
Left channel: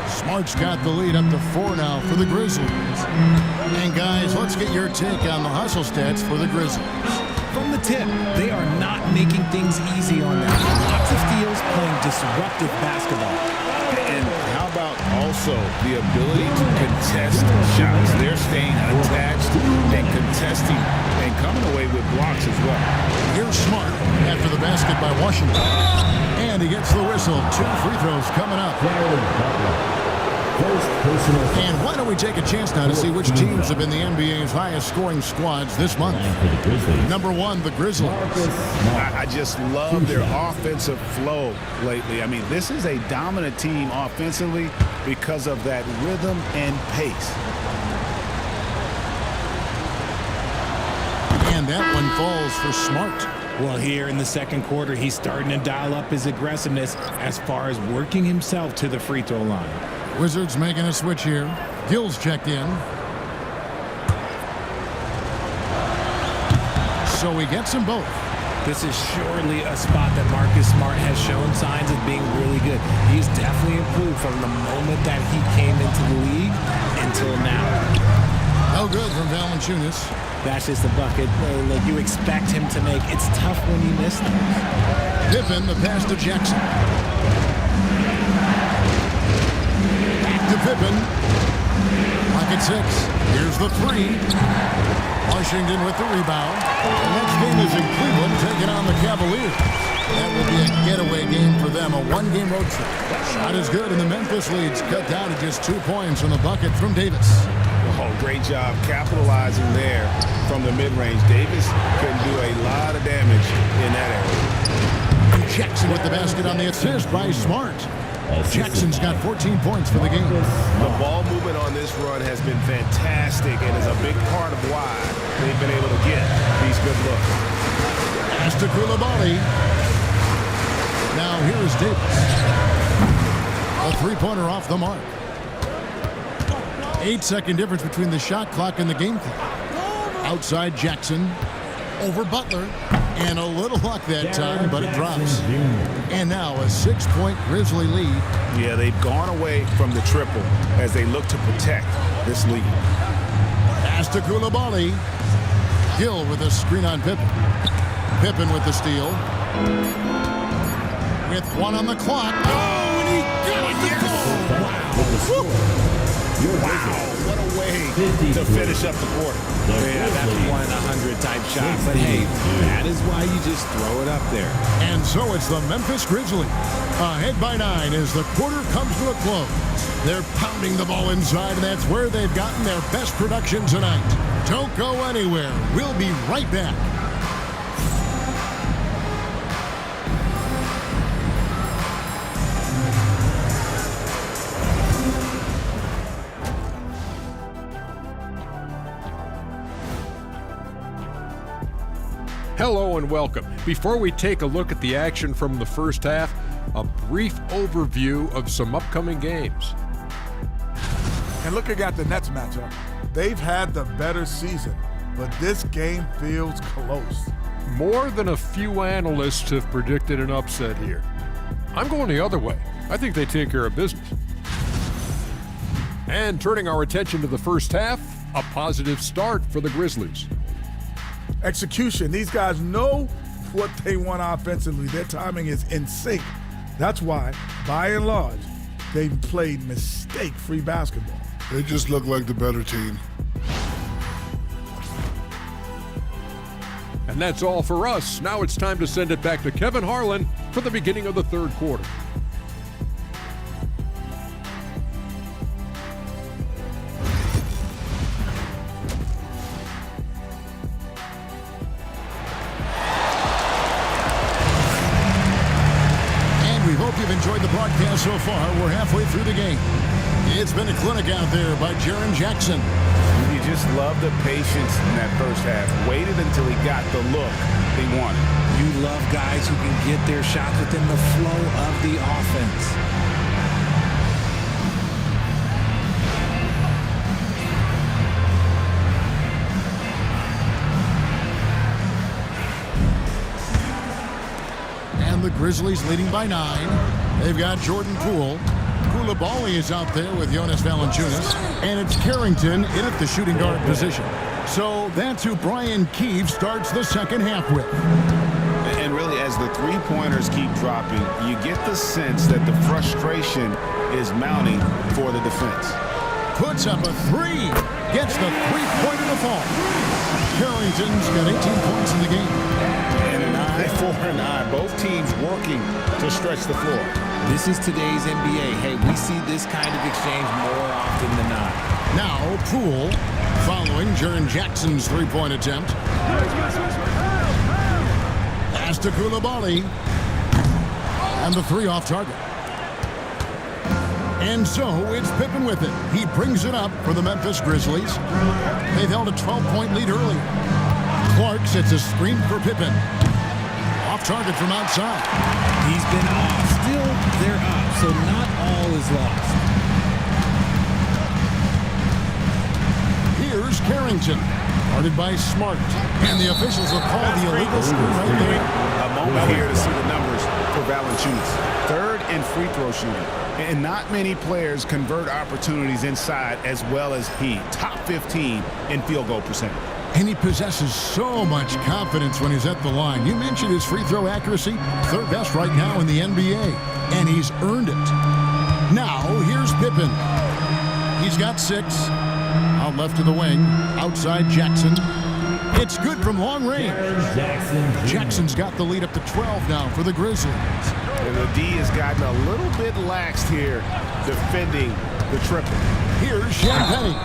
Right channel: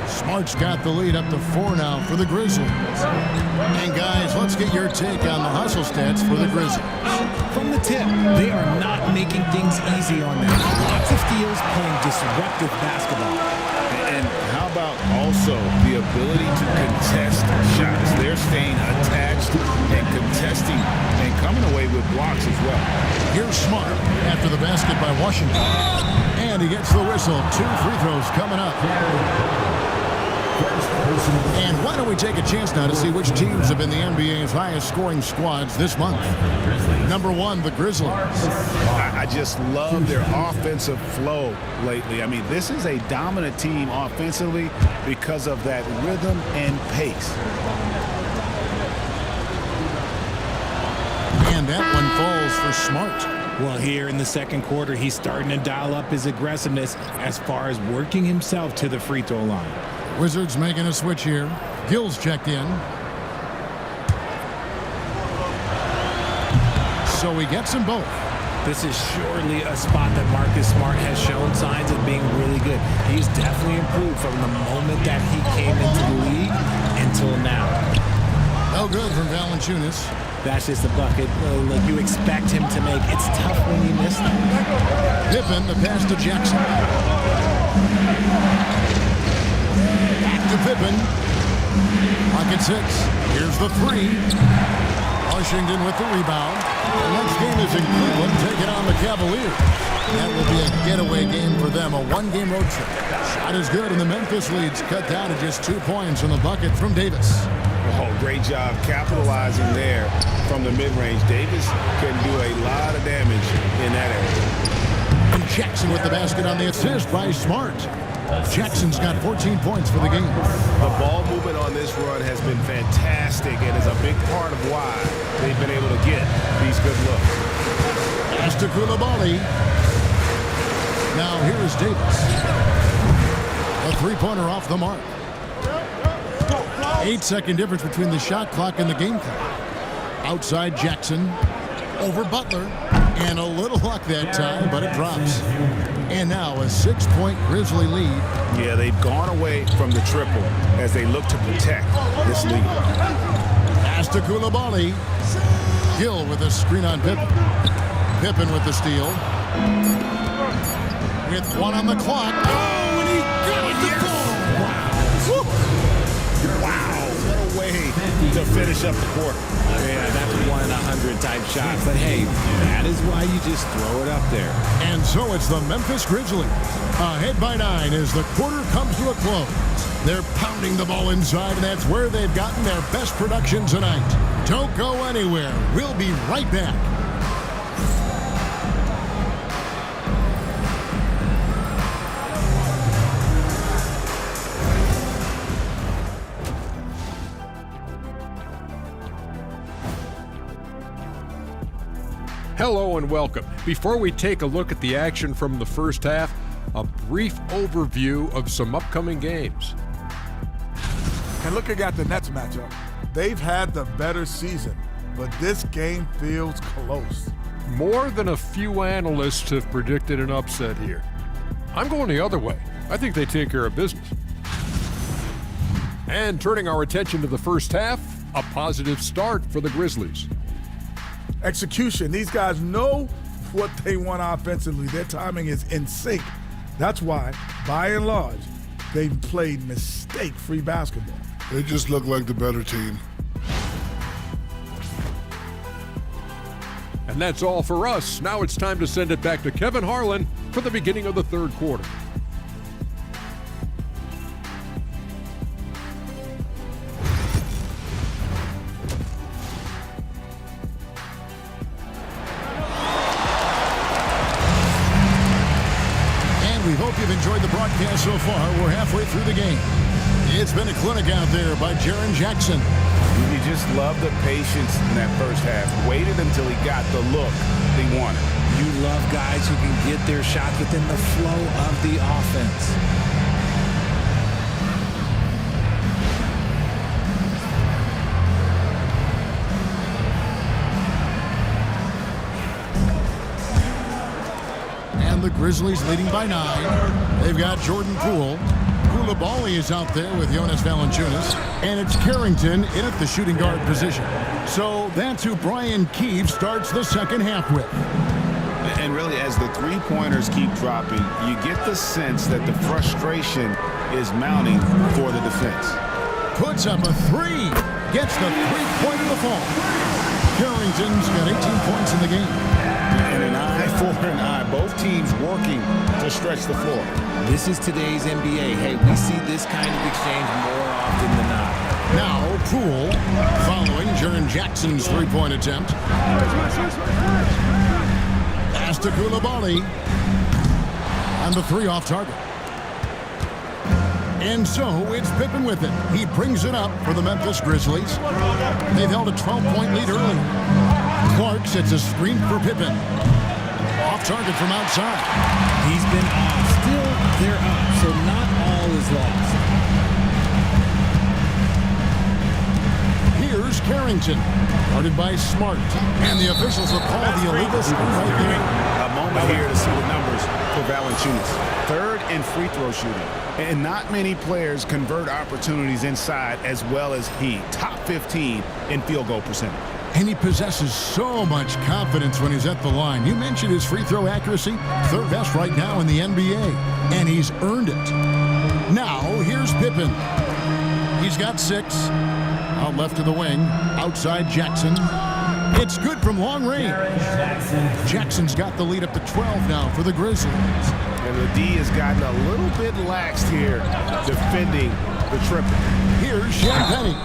Smart's got the lead up to 4 now for the Grizzlies. And guys, let's get your take on the hustle stats for the Grizzlies. From the tip, they are not making things easy on them. Lots of steals, playing disruptive basketball. And how about also the ability to contest shots? They're staying attached and contesting and coming away with blocks as well. Here's Smart after the basket by Washington. And he gets the whistle. 2 free throws coming up. And why don't we take a chance now to see which teams have been the NBA's highest scoring squads this month. Number 1, the Grizzlies. I just love their offensive flow lately. I mean, this is a dominant team offensively because of that rhythm and pace. And that one falls for Smart. Well, here in the second quarter, he's starting to dial up his aggressiveness as far as working himself to the free throw line. Wizards making a switch here. Gill's checked in. So he gets them both. This is surely a spot that Marcus Smart has shown signs of being really good. He's definitely improved from the moment that he came into the league until now. No good from Valanciunas. That's just a bucket like you expect him to make. It's tough when you miss them. Pippen, the pass to Jackson. Back to Pippen. Lock at 6. Here's the 3. Washington with the rebound. The next game is in Cleveland, taking on the Cavaliers. That will be a getaway game for them, a one-game road trip. Shot is good, and the Memphis lead's cut down to just 2 points on the bucket from Davis. Oh, great job capitalizing there from the mid-range. Davis can do a lot of damage in that area. And Jackson with the basket on the assist by Smart. Jackson's got 14 points for the game. The ball movement on this run has been fantastic and is a big part of why they've been able to get these good looks. Pass to Koulibaly. Now here is Davis. A three-pointer off the mark. 8-second difference between the shot clock and the game clock. Outside Jackson. Over Butler. And a little luck that time, but it drops. And now a 6-point Grizzly lead. Yeah, they've gone away from the triple as they look to protect this lead. Pass to Koulibaly. Gill with a screen on Pippen. Pippen with the steal. With 1 on the clock. Oh, and he got the goal! Wow. Wow, what a way to finish up the quarter. Yeah, that's 1 in 100 type shot. But hey, that is why you just throw it up there. And so it's the Memphis Grizzlies ahead by 9 as the quarter comes to a close. They're pounding the ball inside, and that's where they've gotten their best production tonight. Don't go anywhere. We'll be right back. Hello and welcome. Before we take a look at the action from the first half, a brief overview of some upcoming games. And looking at the Nets matchup, they've had the better season, but this game feels close. More than a few analysts have predicted an upset here. I'm going the other way. I think they take care of business. And turning our attention to the first half, a positive start for the Grizzlies. Execution. These guys know what they want offensively. Their timing is in sync. That's why, by and large, they've played mistake-free basketball. They just look like the better team. And that's all for us. Now it's time to send it back to Kevin Harlan for the beginning of the third quarter. We hope you've enjoyed the broadcast so far. We're halfway through the game. It's been a clinic out there by Jaren Jackson. You just love the patience in that first half. Waited until he got the look he wanted. You love guys who can get their shots within the flow of the offense. The Grizzlies leading by 9. They've got Jordan Poole. Koulibaly is out there with Jonas Valanciunas. And it's Carrington in at the shooting guard position. So that's who Brian Keefe starts the second half with. And really, as the three-pointers keep dropping, you get the sense that the frustration is mounting for the defense. Puts up a 3. Gets the three-pointer to fall. Carrington's got 18 points in the game. And an eye for an eye. Both teams working to stretch the floor. This is today's NBA. Hey, we see this kind of exchange more often than not. Now, Poole following Jaren Jackson's three-point attempt. Pass to Koulibaly. And the 3 off target. And so it's Pippen with it. He brings it up for the Memphis Grizzlies. They've held a 12-point lead earlier. Clark Clark sets a screen for Pippen. Off target from outside. He's been off. Still, they're up, so not all is lost. Here's Carrington, guarded by Smart. And the officials will call the illegal screen right there. A moment here to see the numbers for Valanciunas. Third in free throw shooting. And not many players convert opportunities inside as well as he. Top 15 in field goal percentage. And he possesses so much confidence when he's at the line. You mentioned his free throw accuracy, third best right now in the NBA. And he's earned it. Now, here's Pippen. He's got 6. Out left to the wing. Outside Jackson. It's good from long range. Jackson's got the lead up to 12 now for the Grizzlies. And the D has gotten a little bit laxed here defending the triple. Here's Champagne.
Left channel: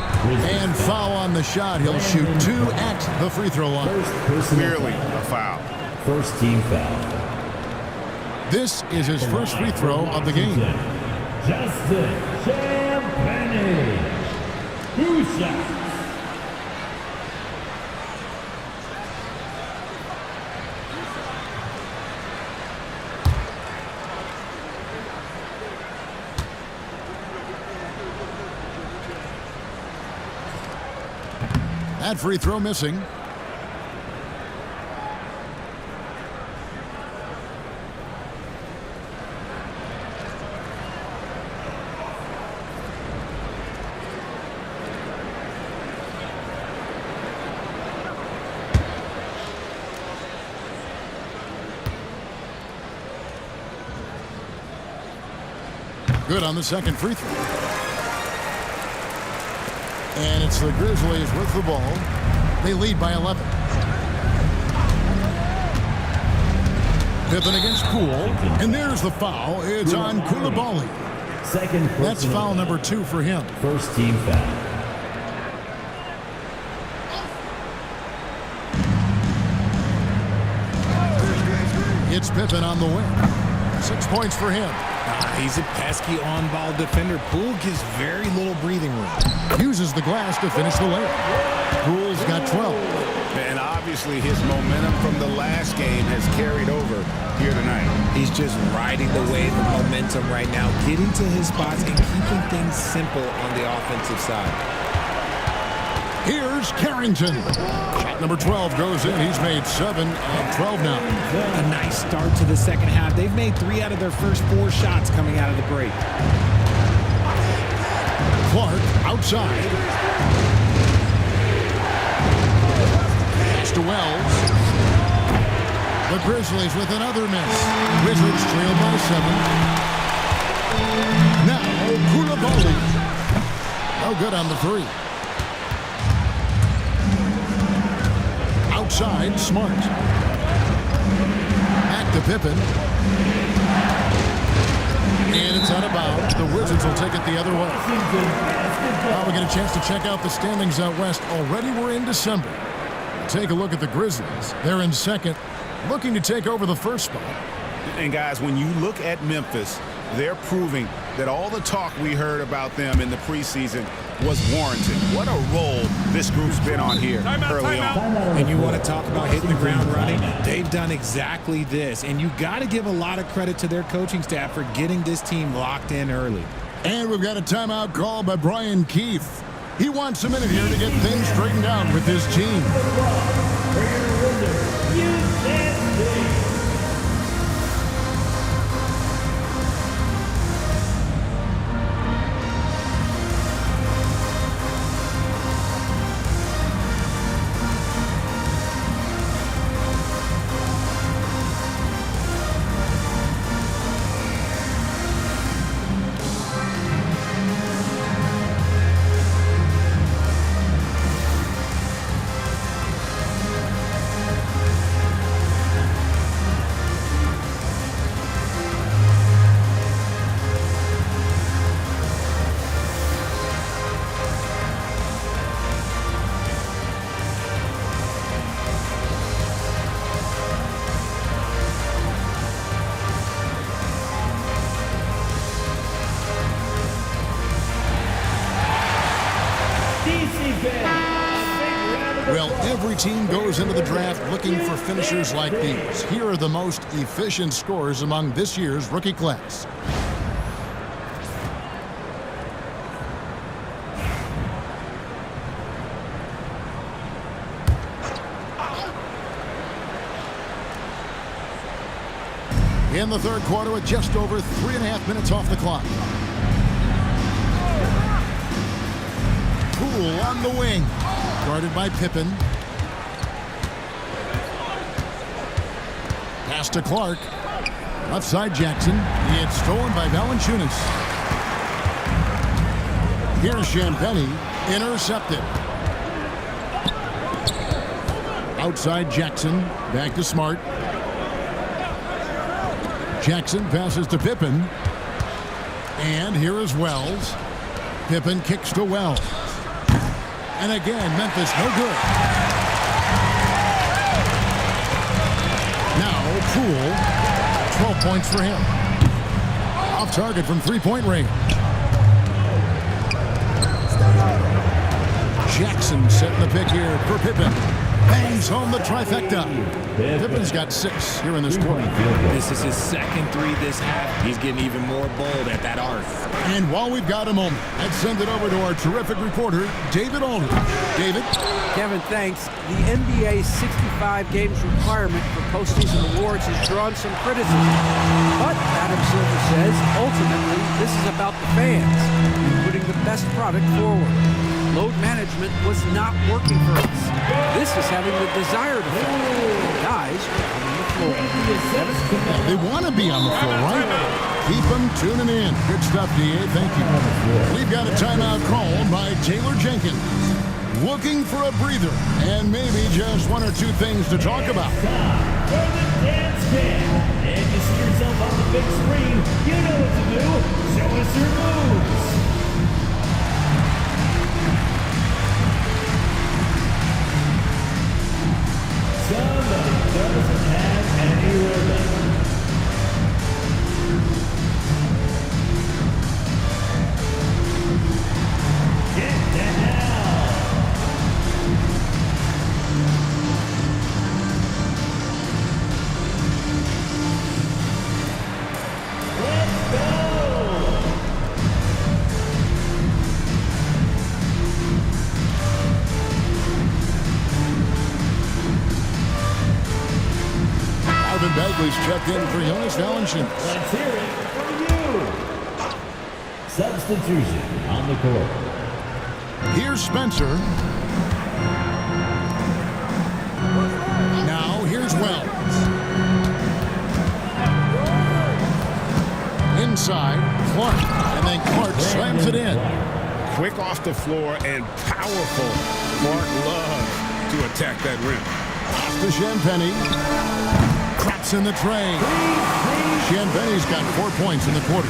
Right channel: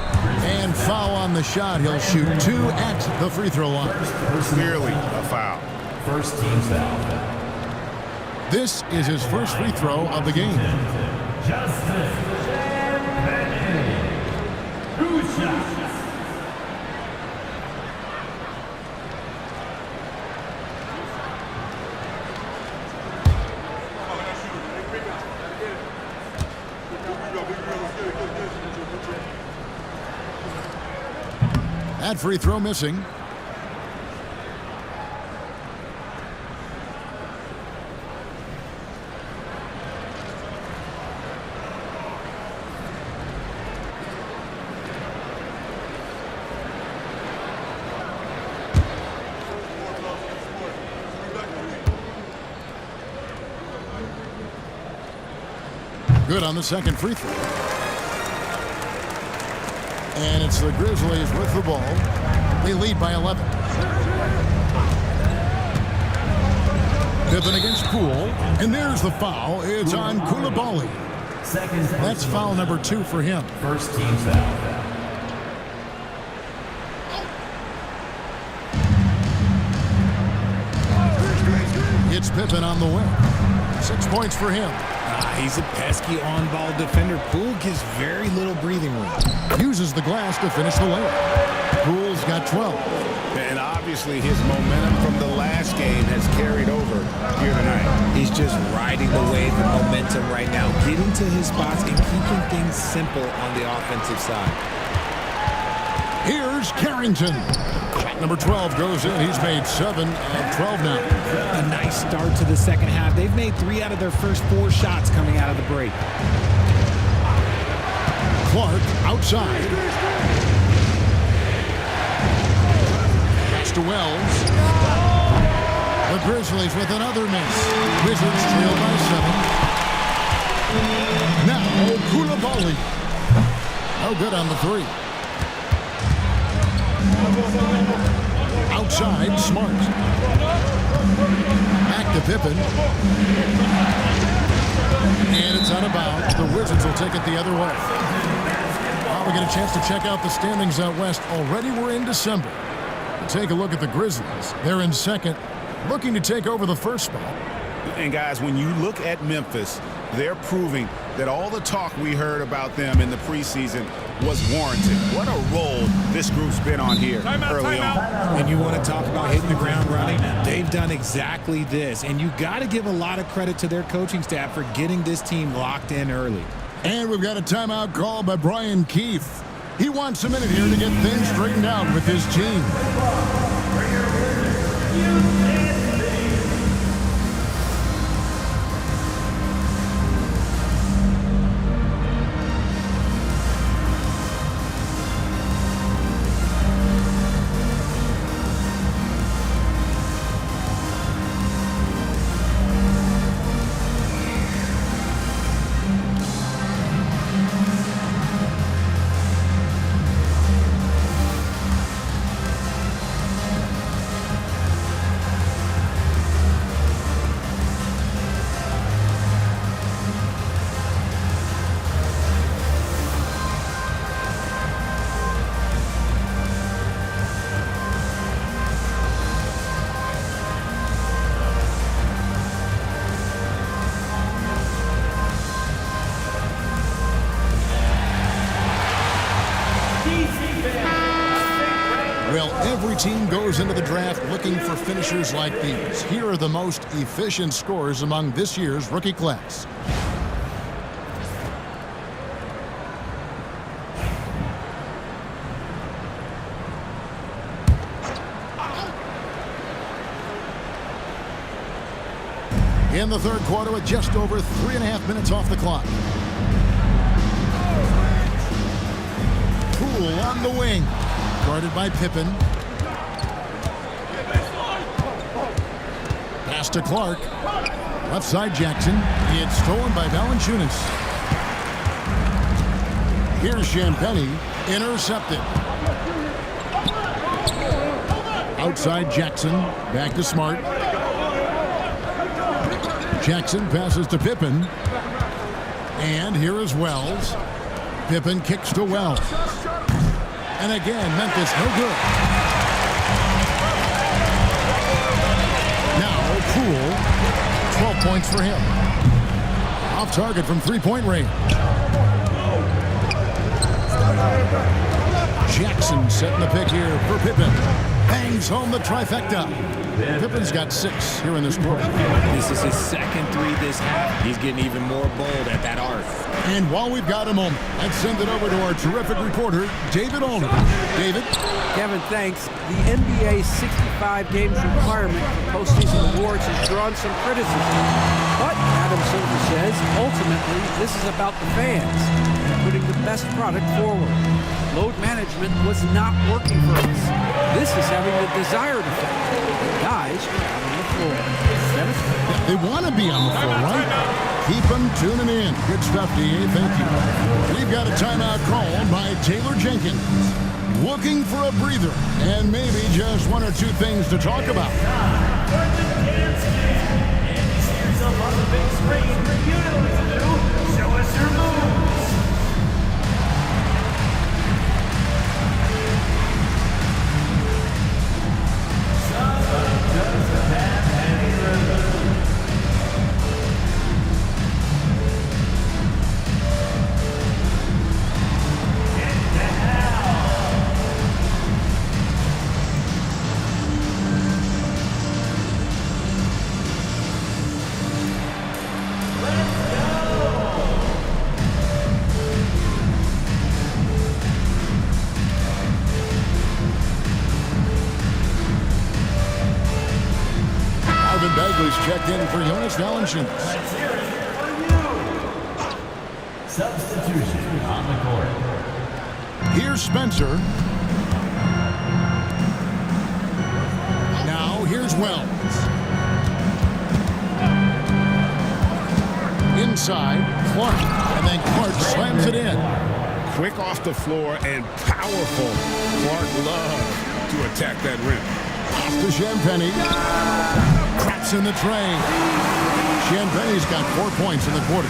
And foul on the shot. He'll shoot 2 at the free throw line. Clearly a foul. First team foul. This is his first free throw of the game. Justin Champagne. 2 shots. That free throw missing. Good on the second free throw. And it's the Grizzlies with the ball. They lead by 11. Pippen against Poole. And there's the foul. It's on Coulibaly. That's foul number 2 for him. First team foul. It's Pippen on the wing. 6 points for him. He's a pesky on-ball defender. Poole gives very little breathing room. Uses the glass to finish the layup. Poole's got 12. And obviously his momentum from the last game has carried over here tonight. He's just riding the wave of momentum right now, getting to his spots and keeping things simple on the offensive side. Here's Carrington. Shot number 12 goes in. He's made 7 of 12 now. A nice start to the second half. They've made 3 out of their first 4 shots coming out of the break. Clark outside. Pass to Wells. The Grizzlies with another miss. Wizards trail by 7. Now Coulibaly. No good on the 3. Outside, Smart. Back to Pippen. And it's out of bounds. The Wizards will take it the other way. Well, we get a chance to check out the standings out west. Already we're in December. We'll take a look at the Grizzlies. They're in second, looking to take over the first spot. And guys, when you look at Memphis, they're proving that all the talk we heard about them in the preseason was warranted. What a role this group's been on here early on. And you want to talk about hitting the ground running? They've done exactly this. And you got to give a lot of credit to their coaching staff for getting this team locked in early. And we've got a timeout call by Brian Keefe. He wants a minute here to get things straightened out with his team. Well, every team goes into the draft looking for finishers like these. Here are the most efficient scorers among this year's rookie class. In the third quarter with just over 3.5 minutes off the clock. Poole on the wing. Guarded by Pippen. Pass to Clark. Left side Jackson. It's stolen by Valanciunas. Here's Champagnie. Intercepted. Outside Jackson. Back to Smart. Jackson passes to Pippen. And here is Wells. Pippen kicks to Wells. And again, Memphis no good. Now Poole, 12 points for him. Off target from three-point range. Jackson setting the pick here for Pippen. Bangs home the trifecta. Pippen's got 6 here in this quarter. This is his second 3 this half. He's getting even more bold at that arc. And while we've got a moment, let's send it over to our terrific reporter, David Aldridge. David? Kevin, thanks. The NBA 65 games requirement for postseason awards has drawn some criticism. But Adam Silver says, ultimately, this is about the fans and putting the best product forward. Load management was not working for us. This is having the desired effect. And guys are out on the floor. Yeah, they want to be on the floor, right? Keep them tuning in. Good stuff, DA. Thank you. We've got a timeout called by Taylor Jenkins. Looking for a breather and maybe just 1 or 2 things to talk about. And you see yourself on the big screen. You know what to do. Show us your moves. Somebody doesn't have any rhythm. Get down. Let's go. Marvin Bagley's checked in for Jonas Valanciunas. Let's hear it for you. Substitution on the court. Here's Spencer. Now here's Wells. Inside, Clark. And then Clark slams it in. Quick off the floor and powerful. Clark loves to attack that rim. Off to Champagnie. Craps in the tray. Champagnie's got 4 points in the quarter.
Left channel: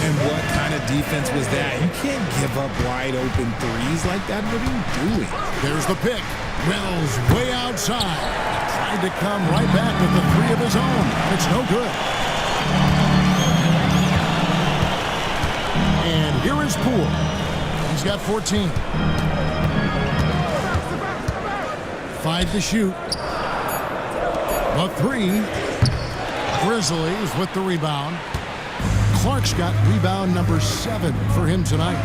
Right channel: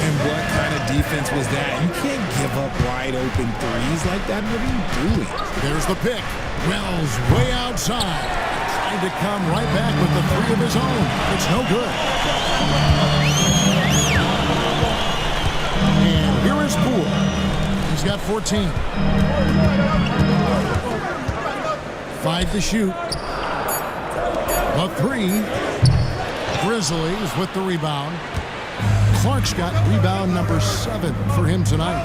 And what kind of defense was that? You can't give up wide open threes like that. What are you doing? There's the pick. Wells way outside. Tried to come right back with the 3 of his own. It's no good. And here is Poole. He's got 14. 5 to shoot. The 3. Grizzlies with the rebound. Clark's got rebound number 7 for him tonight.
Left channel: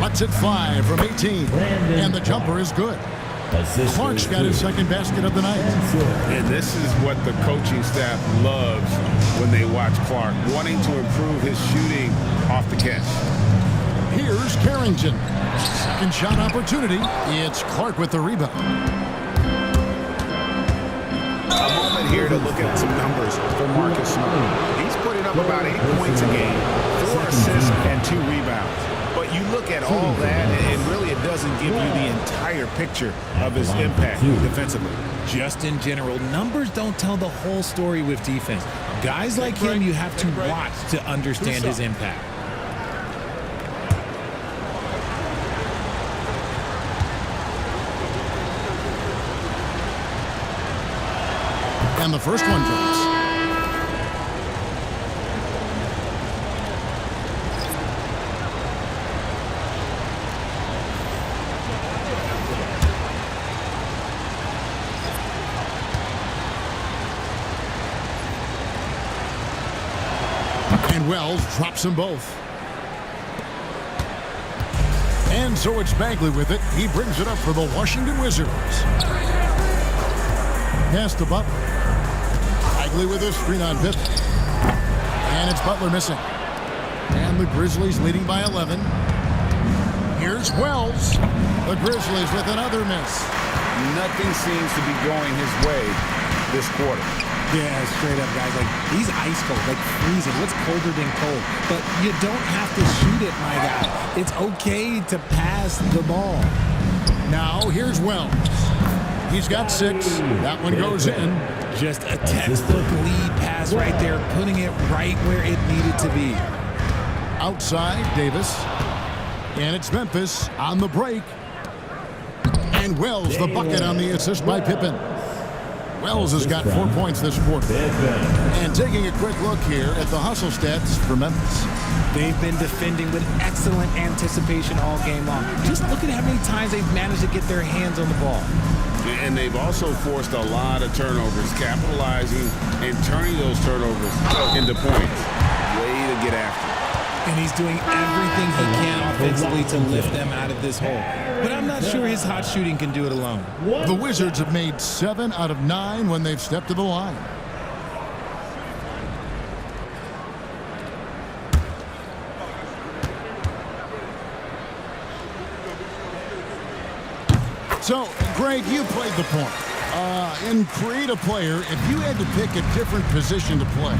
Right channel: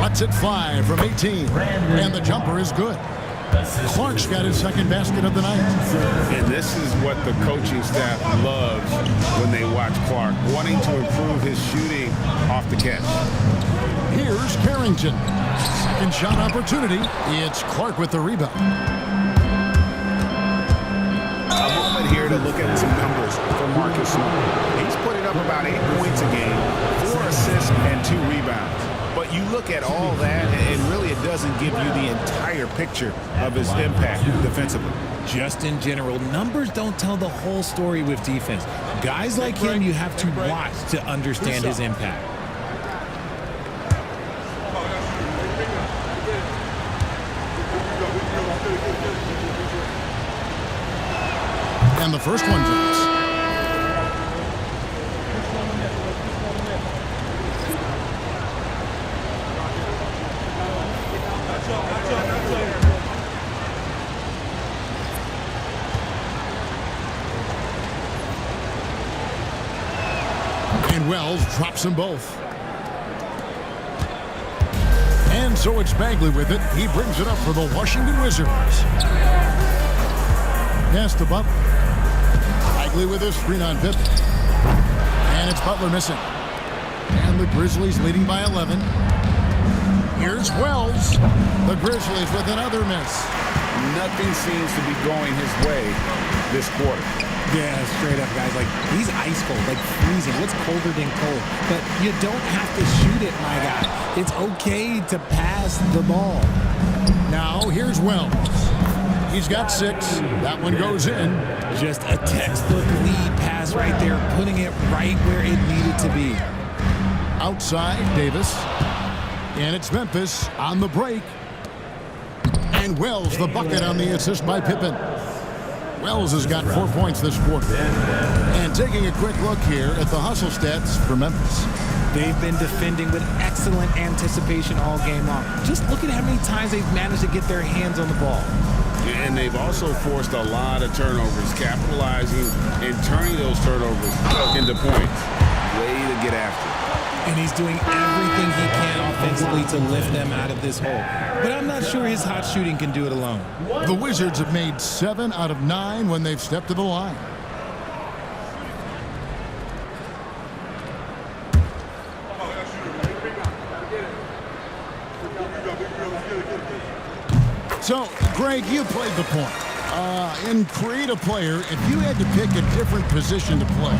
Lets it fly from 18. And the jumper is good. Clark's got his second basket of the night. And this is what the coaching staff loves when they watch Clark, wanting to improve his shooting off the catch. Here's Carrington. Second shot opportunity. It's Clark with the rebound. A moment here to look at some numbers for Marcus Smart. He's putting up about 8 points a game, 4 assists, and 2 rebounds. But you look at all that, and really it doesn't give you the entire picture of his impact defensively. Just in general, numbers don't tell the whole story with defense. Guys like him, you have to watch to understand his impact. And the first one drops. And Wells drops them both. And so it's Bagley with it. He brings it up for the Washington Wizards. Pass to Butler. Bagley with a screen on Pippen. And it's Butler missing. And the Grizzlies leading by 11. Here's Wells. The Grizzlies with another miss. Nothing seems to be going his way this quarter. Yeah, straight up, guys. Like, he's ice cold, like freezing. What's colder than cold? But you don't have to shoot it, my guy. It's okay to pass the ball. Now, here's Wells. He's got 6. That one goes in. Just a textbook lead pass right there, putting it right where it needed to be. Outside, Davis. And it's Memphis on the break. And Wells, the bucket on the assist by Pippen. Wells has got 4 points this quarter. And taking a quick look here at the hustle stats for Memphis. They've been defending with excellent anticipation all game long. Just look at how many times they've managed to get their hands on the ball. And they've also forced a lot of turnovers, capitalizing and turning those turnovers into points. Way to get after it. And he's doing everything he can offensively to lift them out of this hole. But I'm not sure his hot shooting can do it alone. The Wizards have made 7 out of 9 when they've stepped to the line. So, Greg, you played the point. In Create a Player, if you had to pick a different position to play,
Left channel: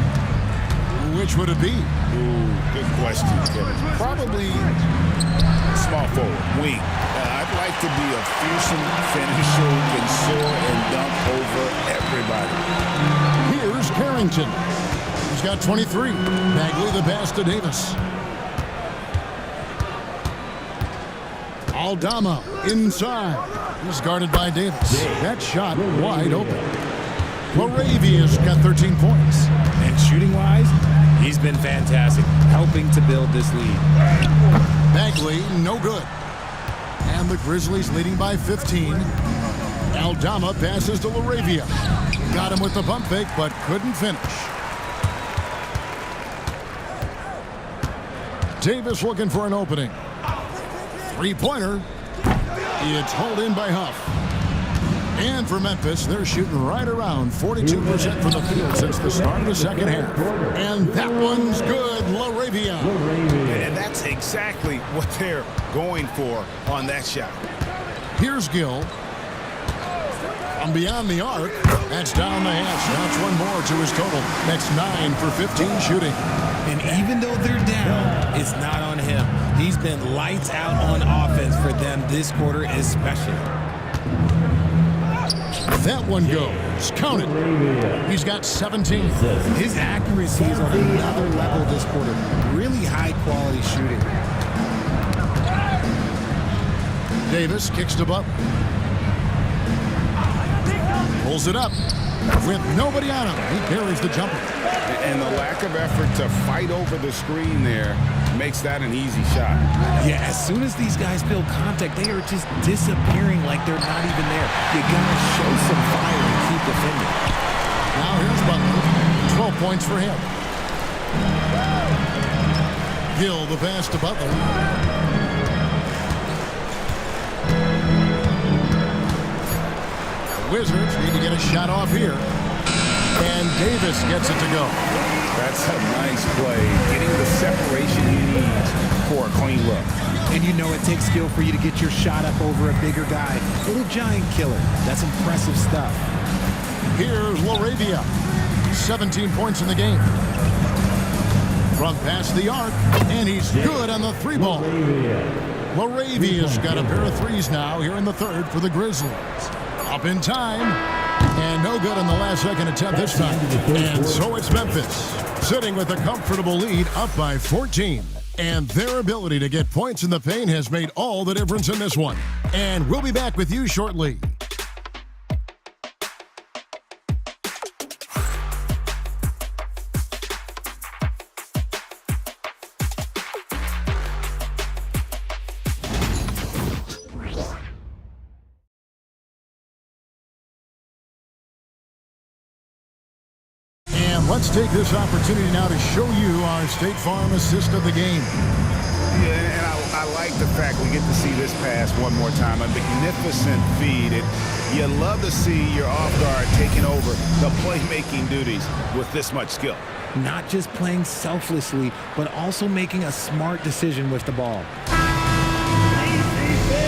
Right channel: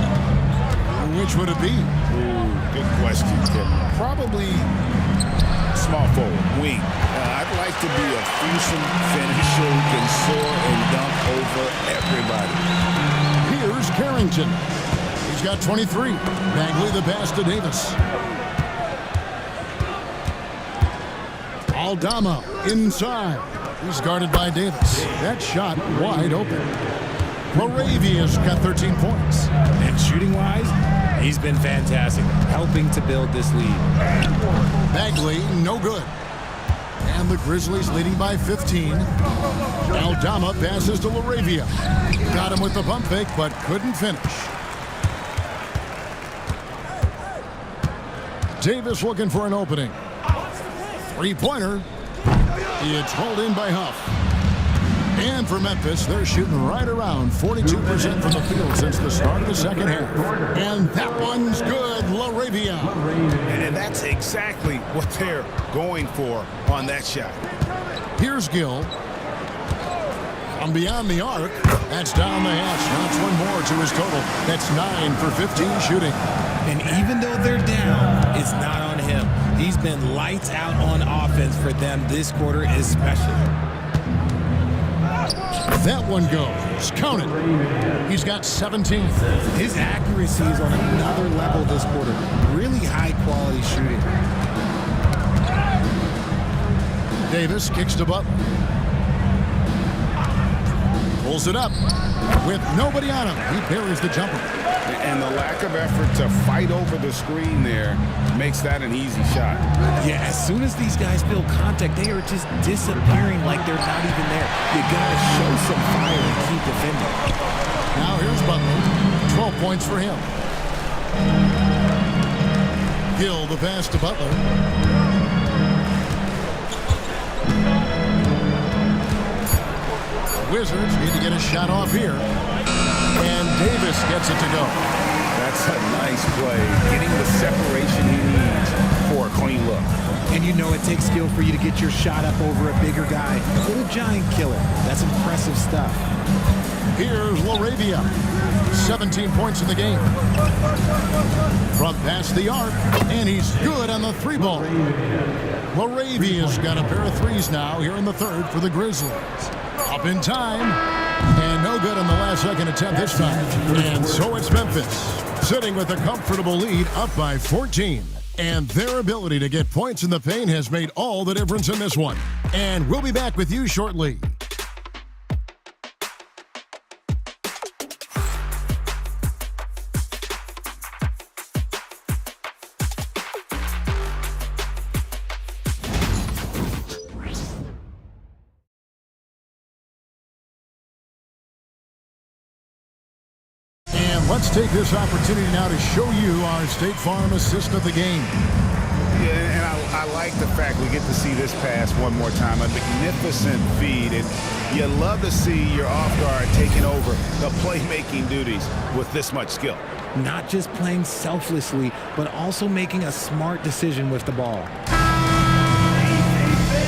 which would it be? Ooh, good question, Kevin. Probably small forward, wing. I'd like to be a fearsome finisher who can soar and dunk over everybody. Here's Carrington. He's got 23. Bagley the pass to Davis. Aldama inside. He's guarded by Davis. That shot wide open. Laravia's got 13 points. And shooting-wise, he's been fantastic, helping to build this lead. Bagley, no good. And the Grizzlies leading by 15. Aldama passes to Laravia. Got him with the pump fake, but couldn't finish. Davis looking for an opening. Three-pointer. It's hauled in by Huff. And for Memphis, they're shooting right around 42% from the field since the start of the second half. And that one's good, Laravia. And that's exactly what they're going for on that shot. Here's Gill. From beyond the arc, that's down the hatch. Knocks one more to his total. That's 9 for 15 shooting. And even though they're down, it's not on him. He's been lights out on offense for them this quarter especially. That one goes. Count it. He's got 17. His accuracy is on another level this quarter. Really high-quality shooting. Davis kicks to Butler. Pulls it up. With nobody on him, he buries the jumper. And the lack of effort to fight over the screen there makes that an easy shot. Yeah, as soon as these guys feel contact, they are just disappearing like they're not even there. You gotta show some fire and keep defending. Now here's Butler. 12 points for him. Gill the pass to Butler. The Wizards need to get a shot off here. And Davis gets it to go. That's a nice play, getting the separation he needs for a clean look. And you know it takes skill for you to get your shot up over a bigger guy. Little giant killer. That's impressive stuff. Here's Laravia. 17 points in the game. From past the arc, and he's good on the three ball. Laravia's got a pair of threes now here in the third for the Grizzlies. Up in time, and no good on the last second attempt this time. And so it's Memphis, sitting with a comfortable lead up by 14. And their ability to get points in the paint has made all the difference in this one. And we'll be back with you shortly. And let's take this opportunity now to show you our State Farm assist of the game. Yeah, and I like the fact we get to see this pass one more time. A magnificent feed. And you love to see your off guard taking over the playmaking duties with this much skill. Not just playing selflessly, but also making a smart decision with the ball.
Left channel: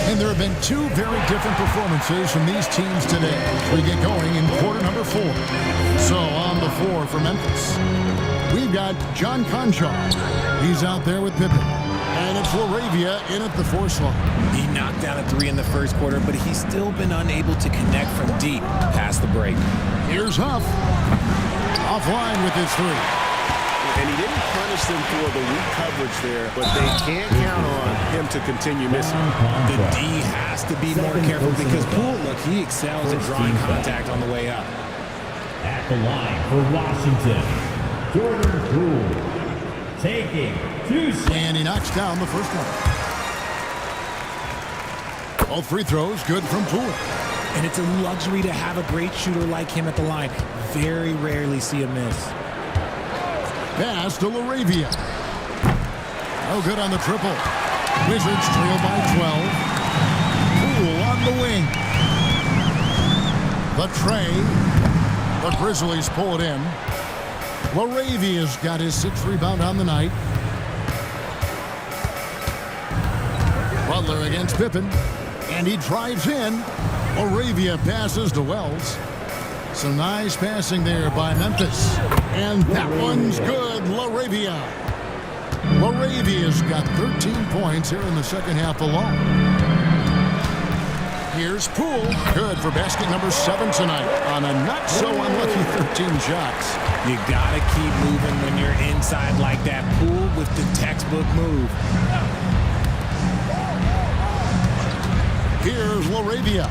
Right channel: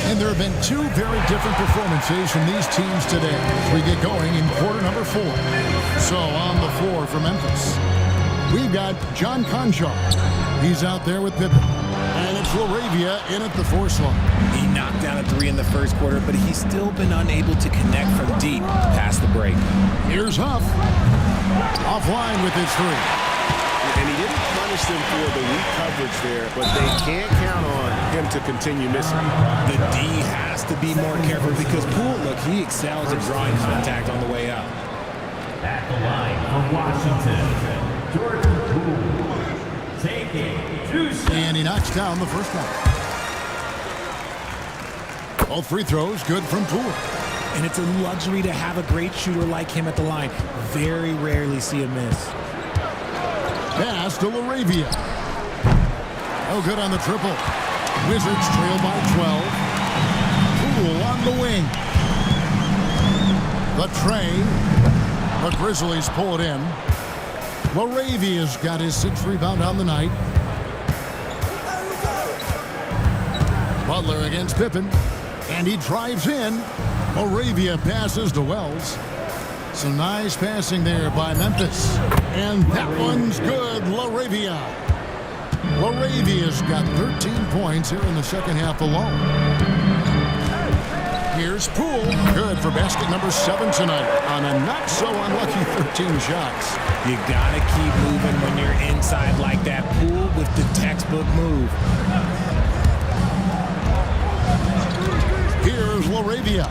And there have been two very different performances from these teams today as we get going in quarter number 4. So on the floor for Memphis, we've got John Conchar. He's out there with Pippen. And it's Laravia in at the 4 slot. He knocked down a 3 in the first quarter, but he's still been unable to connect from deep past the break. Here's Huff. Offline with his 3. And he didn't punish them for the weak coverage there, but they can't count on him to continue missing. The D has to be more careful because Poole, look, he excels at drawing contact on the way up. At the line for Washington, Jordan Poole taking 2 shots. And he knocks down the first one. All free throws good from Poole. And it's a luxury to have a great shooter like him at the line. Very rarely see a miss. Pass to Laravia. No good on the triple. Wizards trail by 12. Poole on the wing. The tray. The Grizzlies pull it in. Laravia's got his 6th rebound on the night. Butler against Pippen. And he drives in. Laravia passes to Wells. Some nice passing there by Memphis. And that one's good, Laravia. Laravia's got 13 points here in the second half alone. Here's Poole. Good for basket number 7 tonight on a not-so-unlucky 13 shots. You gotta keep moving when you're inside like that. Poole with the textbook move. Here's Laravia.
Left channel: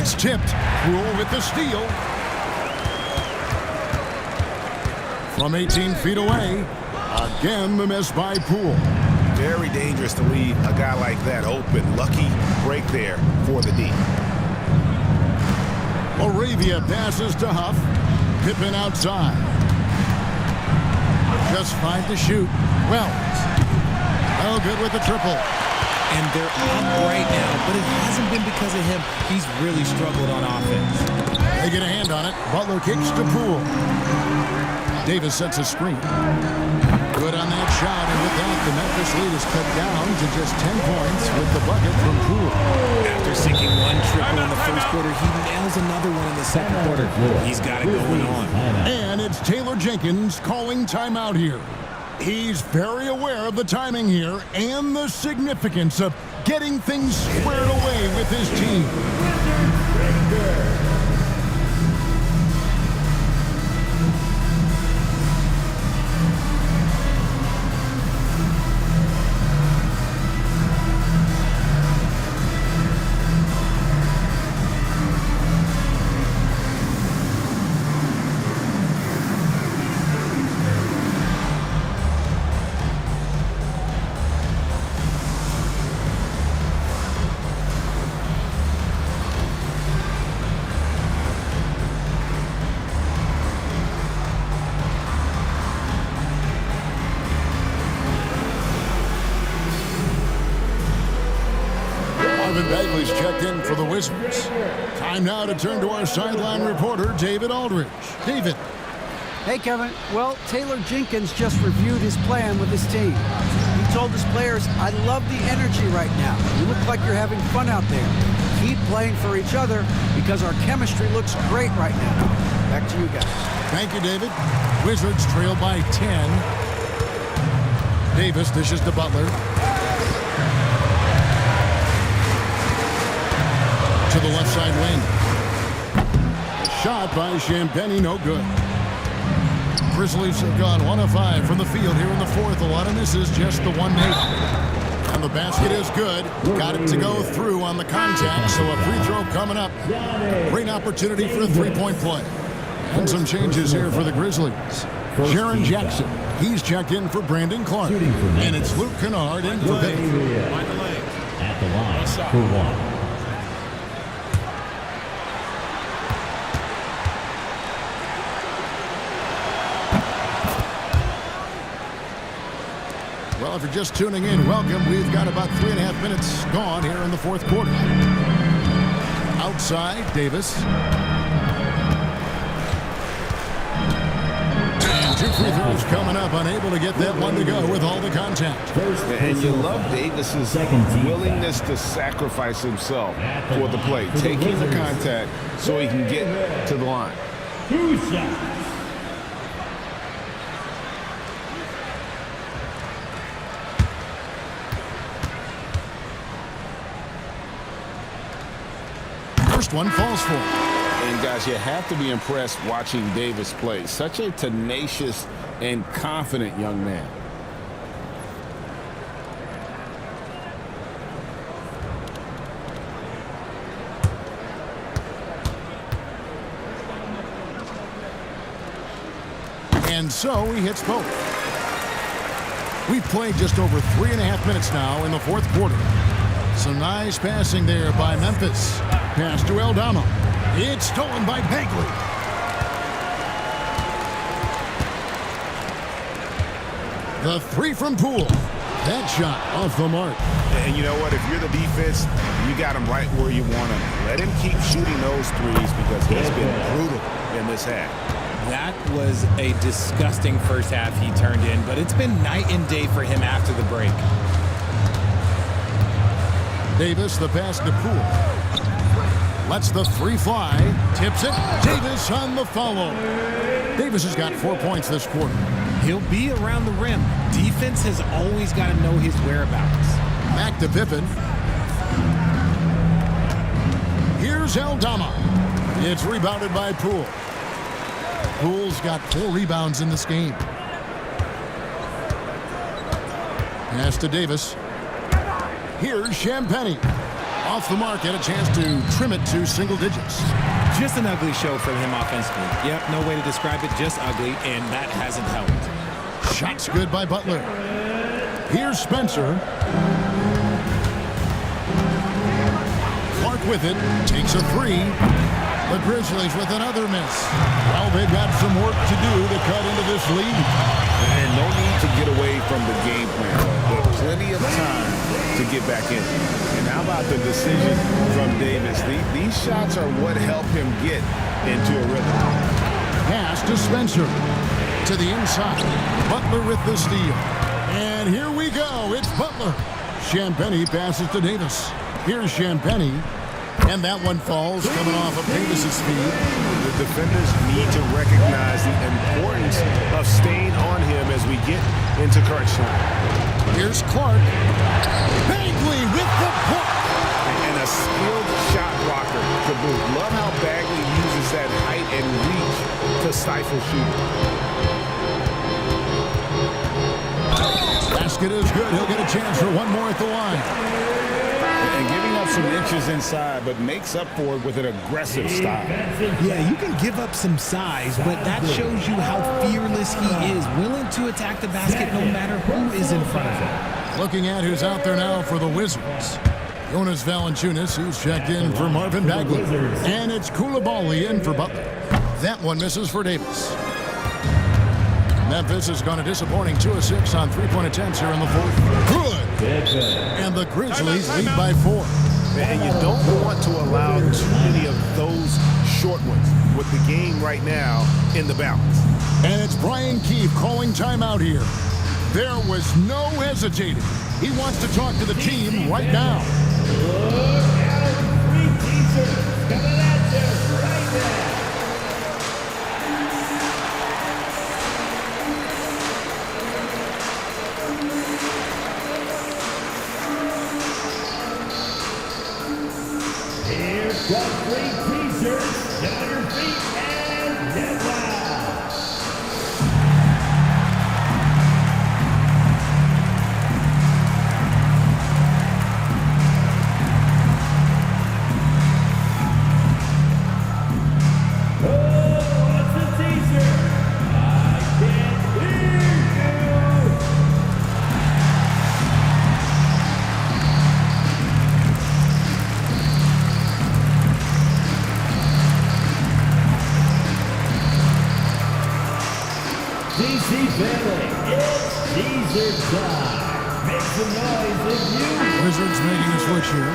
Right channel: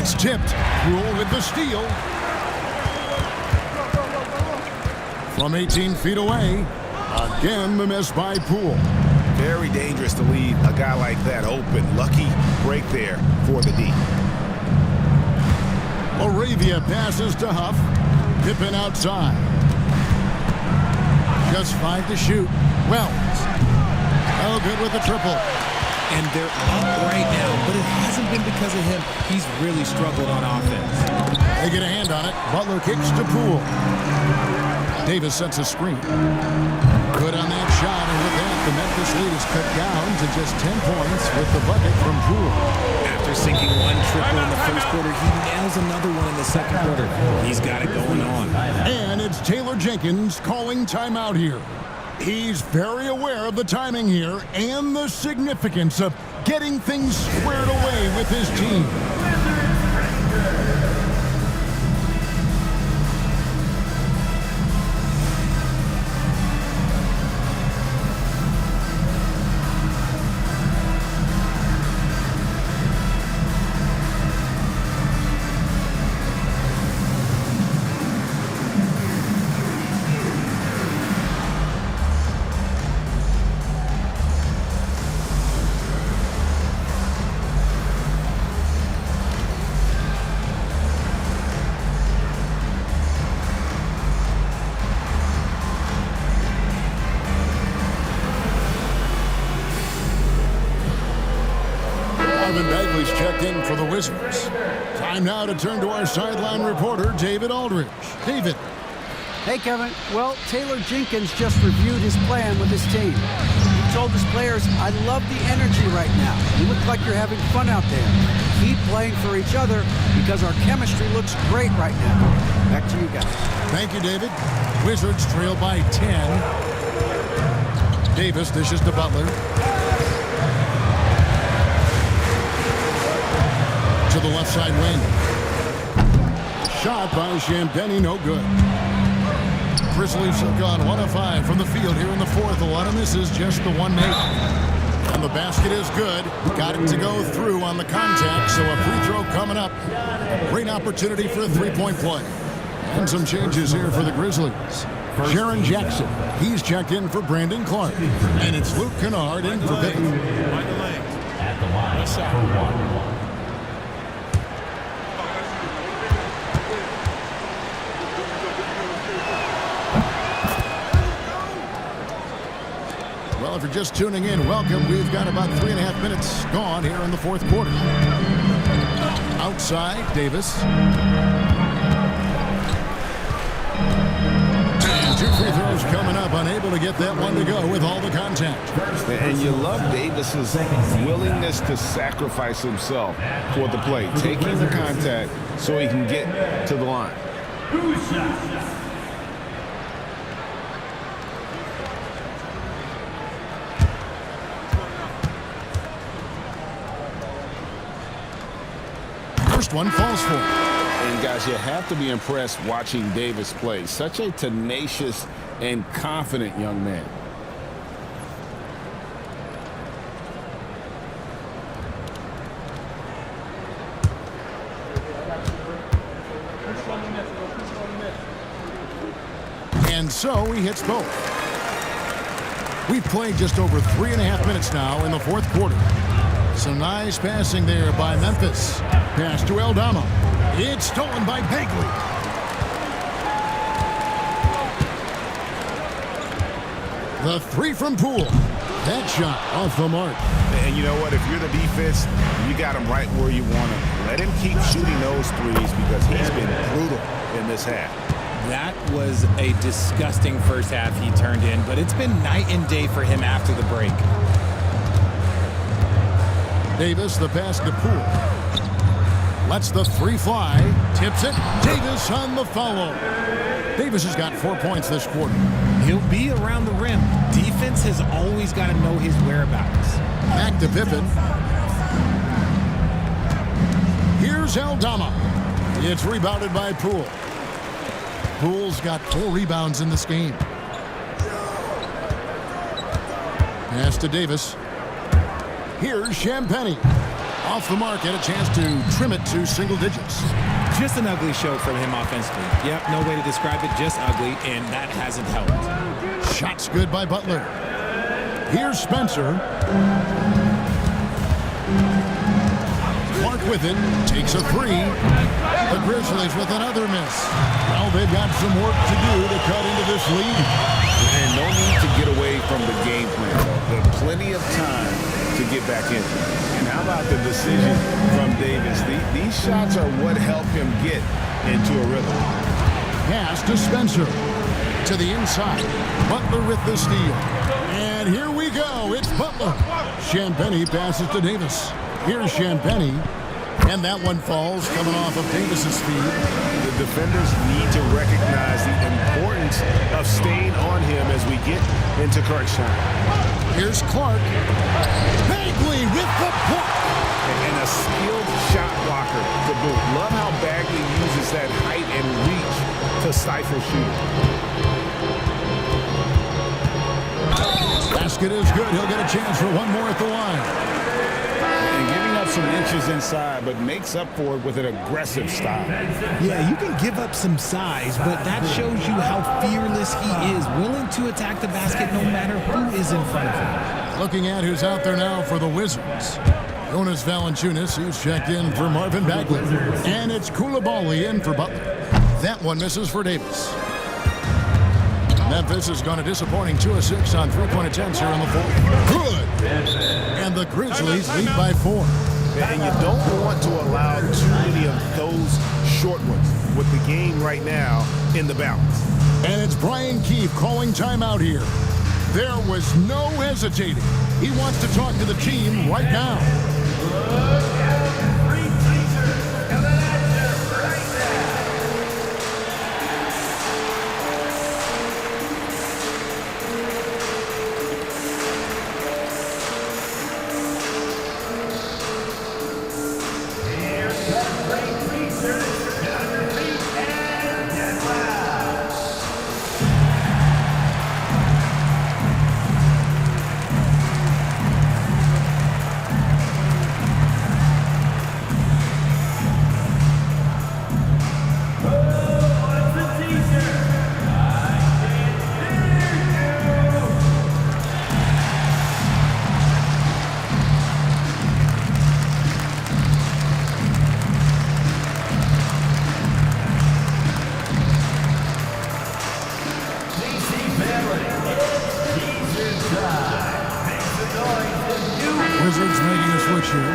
It's tipped. Poole with the steal. From 18 feet away, again the miss by Poole. Very dangerous to leave a guy like that open. Lucky break there for the D. Laravia passes to Huff. Pippen outside. Just 5 to shoot. Wells. Oh, good with the triple. And they're up right now, but it hasn't been because of him. He's really struggled on offense. They get a hand on it. Butler kicks to Poole. Davis sets a screen. Good on that shot, and with that, the Memphis lead is cut down to just 10 points with the bucket from Poole. After sinking 1 triple in the first quarter, he nails another one in the second quarter. He's got it going on. And it's Taylor Jenkins calling timeout here. He's very aware of the timing here and the significance of getting things squared away with his team. Marvin Bagley's checked in for the Wizards. Time now to turn to our sideline reporter, David Aldridge. David. Hey, Kevin. Well, Taylor Jenkins just reviewed his plan with his team. He told his players, I love the energy right now. You look like you're having fun out there. Keep playing for each other because our chemistry looks great right now. Back to you guys. Thank you, David. Wizards trail by 10. Davis dishes to Butler. To the left side wing. A shot by Champagny, no good. Grizzlies have gone 1 of 5 from the field here in the fourth. A lot of misses, just the one made. And the basket is good. Got it to go through on the contact, so a free throw coming up. Great opportunity for a three-point play. And some changes here for the Grizzlies. Jaren Jackson, he's checked in for Brandon Clark. And it's Luke Kennard in for Pippen. At the line for 1. Well, if you're just tuning in, welcome. We've got about 3.5 minutes gone here in the fourth quarter. Outside, Davis. And 2 free throws coming up, unable to get that one to go with all the contact. And you love Davis's willingness to sacrifice himself for the play, taking the contact so he can get to the line. First one falls for him. And guys, you have to be impressed watching Davis play. Such a tenacious and confident young man. And so he hits both. We've played just over 3.5 minutes now in the fourth quarter. Some nice passing there by Memphis. Pass to Aldama. It's stolen by Bagley. The 3 from Poole. That shot off the mark. And you know what? If you're the defense, you got him right where you want him. Let him keep shooting those threes because he's been brutal in this half. That was a disgusting first half he turned in, but it's been night and day for him after the break. Davis, the pass to Poole. Lets the 3 fly. Tips it. Davis on the follow. Davis has got 4 points this quarter. He'll be around the rim. Defense has always got to know his whereabouts. Back to Pippen. Here's Aldama. It's rebounded by Poole. Poole's got 4 rebounds in this game. Pass to Davis. Here's Champagnie. Off the mark, had a chance to trim it to single digits. Just an ugly show from him offensively. Yep, no way to describe it, just ugly, and that hasn't helped. Shots good by Butler. Here's Spencer. Clark with it, takes a 3. The Grizzlies with another miss. Well, they've got some work to do to cut into this lead. And no need to get away from the game plan, though. There's plenty of time to get back in. And how about the decision from Davis? These shots are what help him get into a rhythm. Pass to Spencer. To the inside. Butler with the steal. And here we go. It's Butler. Champagnie passes to Davis. Here's Champagnie. And that one falls coming off of Davis's feed. The defenders need to recognize the importance of staying on him as we get into crunch time. Here's Clark. Bagley with the block. And a skilled shot blocker to boot. Love how Bagley uses that height and reach to stifle shooting. Basket is good. He'll get a chance for one more at the line. And giving up some inches inside, but makes up for it with an aggressive style. Yeah, you can give up some size, but that shows you how fearless he is, willing to attack the basket no matter who is in front of him. Looking at who's out there now for the Wizards. Jonas Valanciunas, who's checked in for Marvin Bagley. And it's Coulibaly in for Butler. That one misses for Davis. Memphis has gone a disappointing 2 of 6 on 3-point attempts here in the fourth. Good. And the Grizzlies lead by 4. And you don't want to allow too many of those short ones with the game right now in the balance. And it's Brian Keefe calling timeout here. There was no hesitating. He wants to talk to the team right now. DC family, it's teaser time. Wizards making a switch here.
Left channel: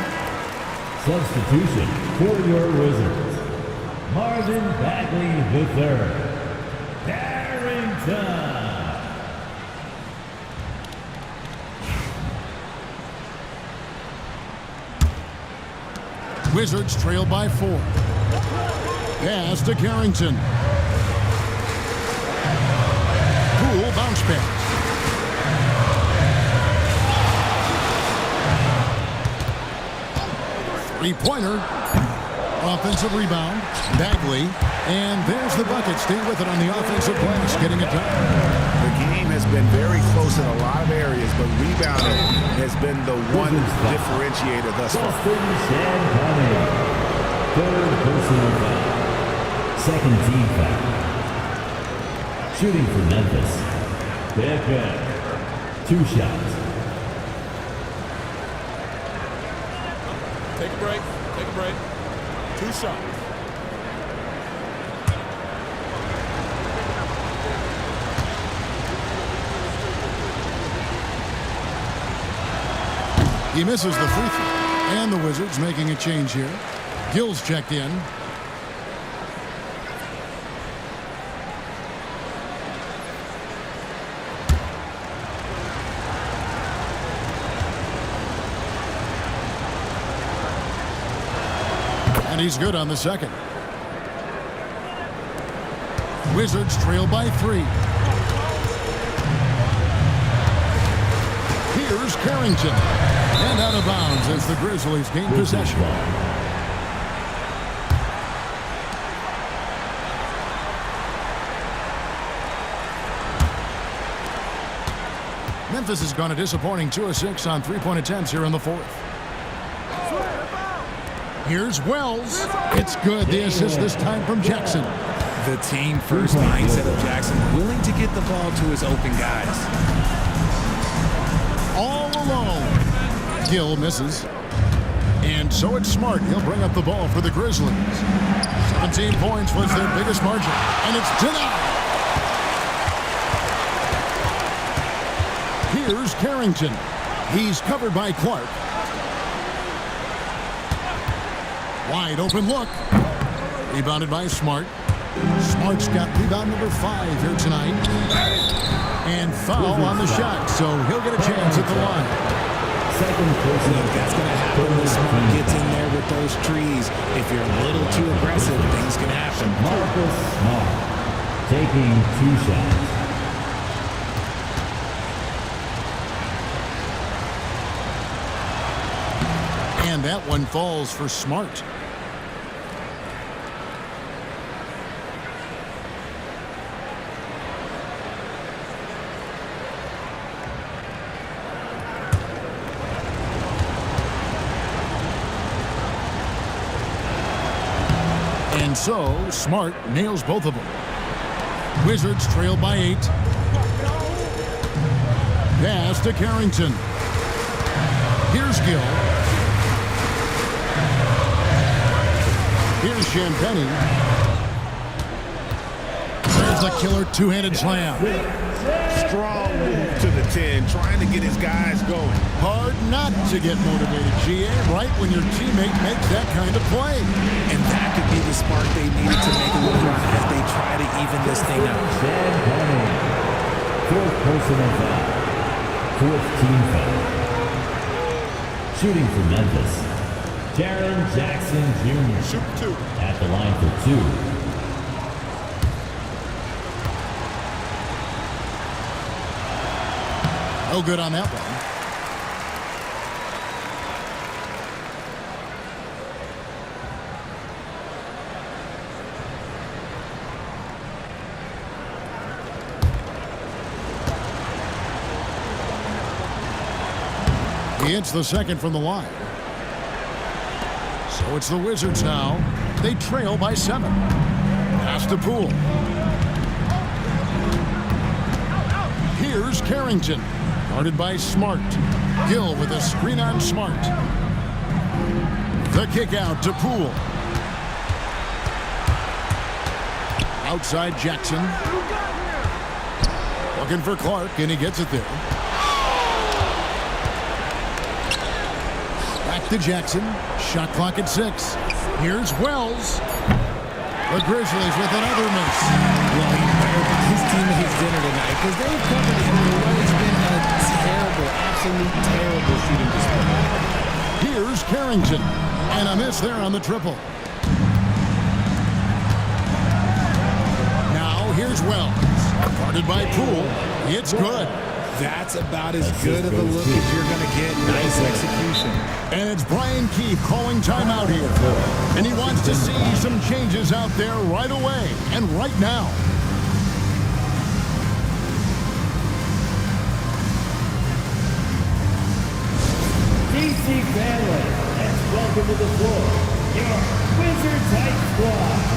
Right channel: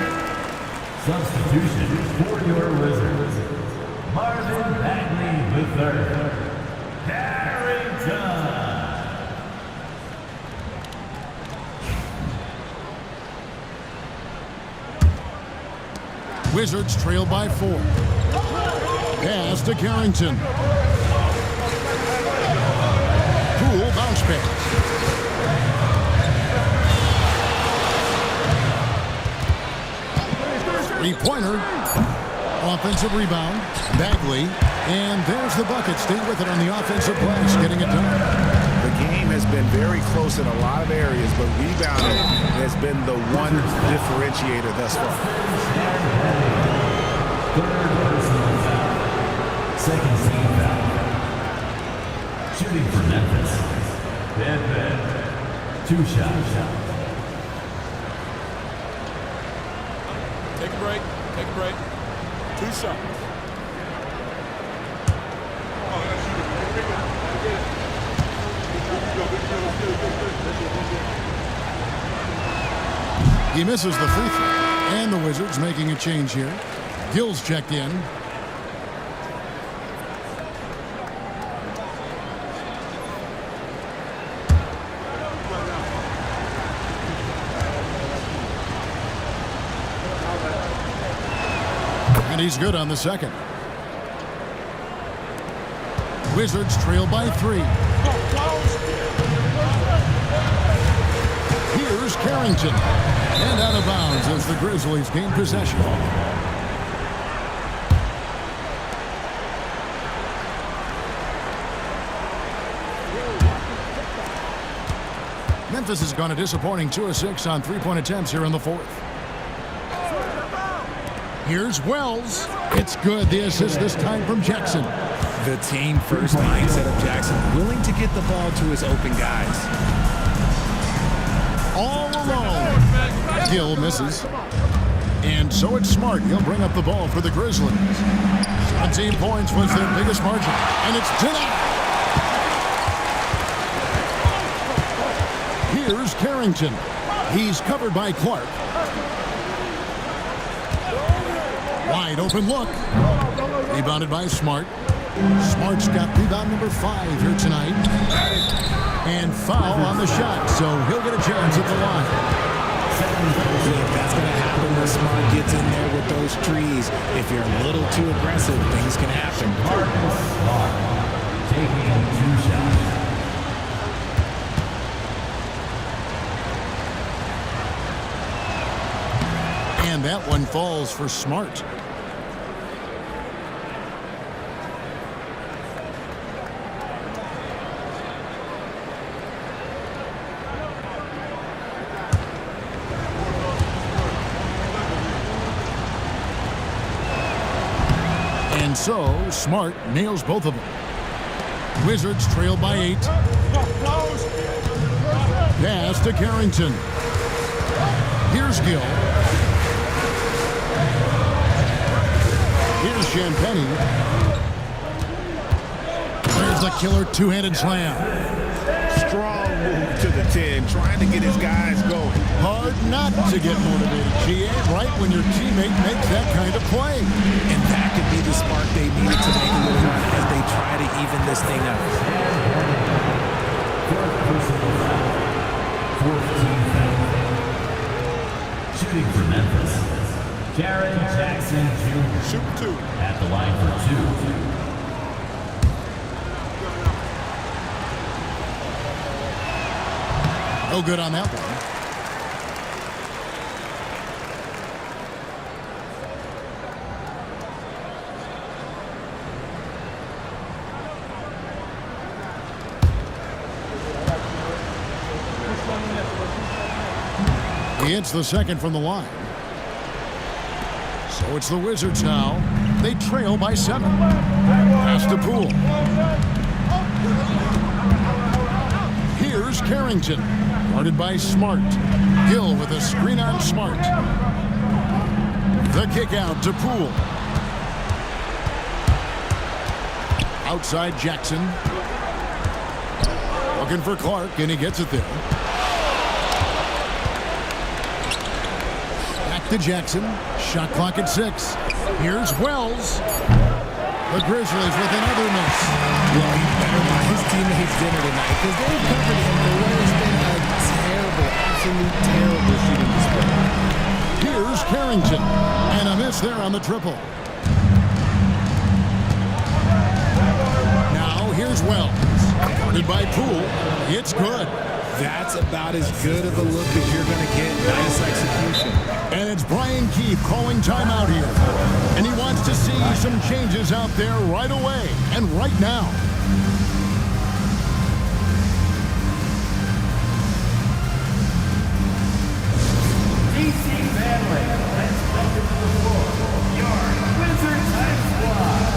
Substitution for your Wizards. Marvin Bagley III. Carrington. Wizards trail by 4. Pass to Carrington. Poole bounce pass. Three-pointer. Offensive rebound. Bagley. And there's the bucket. Stay with it on the offensive glass, getting it done. The game has been very close in a lot of areas, but rebounding has been the one differentiator thus far. Third personal foul. Second team foul. Shooting for Memphis. Pepe. 2 shots. Take a break. Take a break. 2 shots. He misses the free throw. And the Wizards making a change here. Gill's checked in. And he's good on the second. Wizards trail by 3. Here's Carrington. And out of bounds as the Grizzlies gain possession. Memphis has gone a disappointing 2 of 6 on 3-point attempts here in the 4th. Here's Wells. It's good. The assist this time from Jackson. The team-first mindset of Jackson, willing to get the ball to his open guys. All alone. Gill misses. And so it's Smart. He'll bring up the ball for the Grizzlies. 17 points was their biggest margin. And it's denied. Here's Carrington. He's covered by Clark. Wide open look. Rebounded by Smart. Smart's got rebound number 5 here tonight. And foul on the shot, so he'll get a chance at the line. Look, that's going to happen when Smart gets in there with those trees. If you're a little too aggressive, things can happen. Marcus Smart taking 2 shots. And that one falls for Smart. And so, Smart nails both of them. Wizards trail by 8. Pass to Carrington. Here's Gill. Here's Champagny. There's the killer 2-handed slam. Strong move to the 10, trying to get his guys going. Hard not to get motivated, GA, right when your teammate makes that kind of play. And that could be the spark they needed to make a little run as they try to even this thing up. Fourth personal foul. 4th team foul. Shooting for Memphis. Jaren Jackson Jr. Shoot 2. At the line for 2. No good on that one. He hits the second from the line. So it's the Wizards now. They trail by 7. Pass to Poole. Here's Carrington. Guarded by Smart. Gill with a screen on Smart. The kick out to Poole. Outside Jackson. Looking for Clark, and he gets it there. to Jackson. Shot clock at 6. Here's Wells. The Grizzlies with another miss. Well, he better buy his teammates dinner tonight because they've covered him for what has been a terrible, absolute terrible shooting display. Here's Carrington. And a miss there on the triple. Now here's Wells. Guarded by Poole. It's good. That's about as good of a look as you're going to get. Nice execution. And it's Brian Keefe calling timeout here. And he wants to see some changes out there right away and right now. DC family, let's welcome to the floor your Wizards High Squad.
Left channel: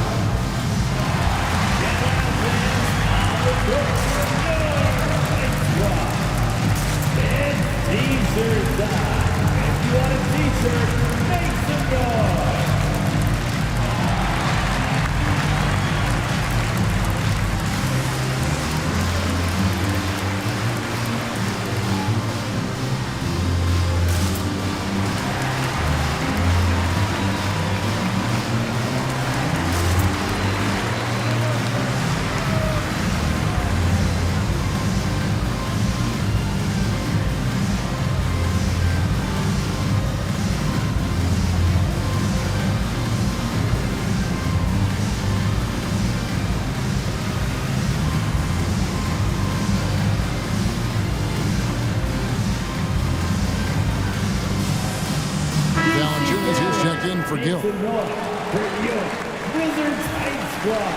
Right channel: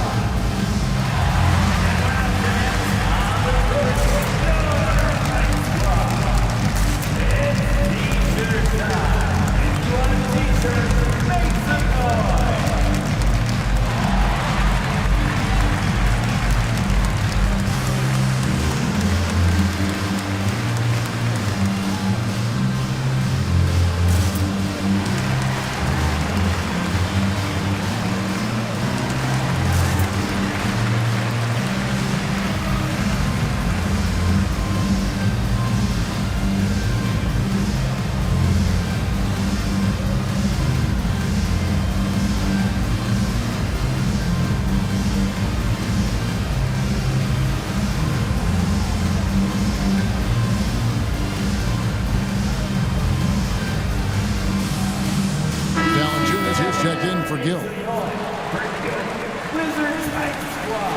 T-shirt time. If you want a t-shirt, make some noise. Here's checked in for Gill. Wizards High Squad.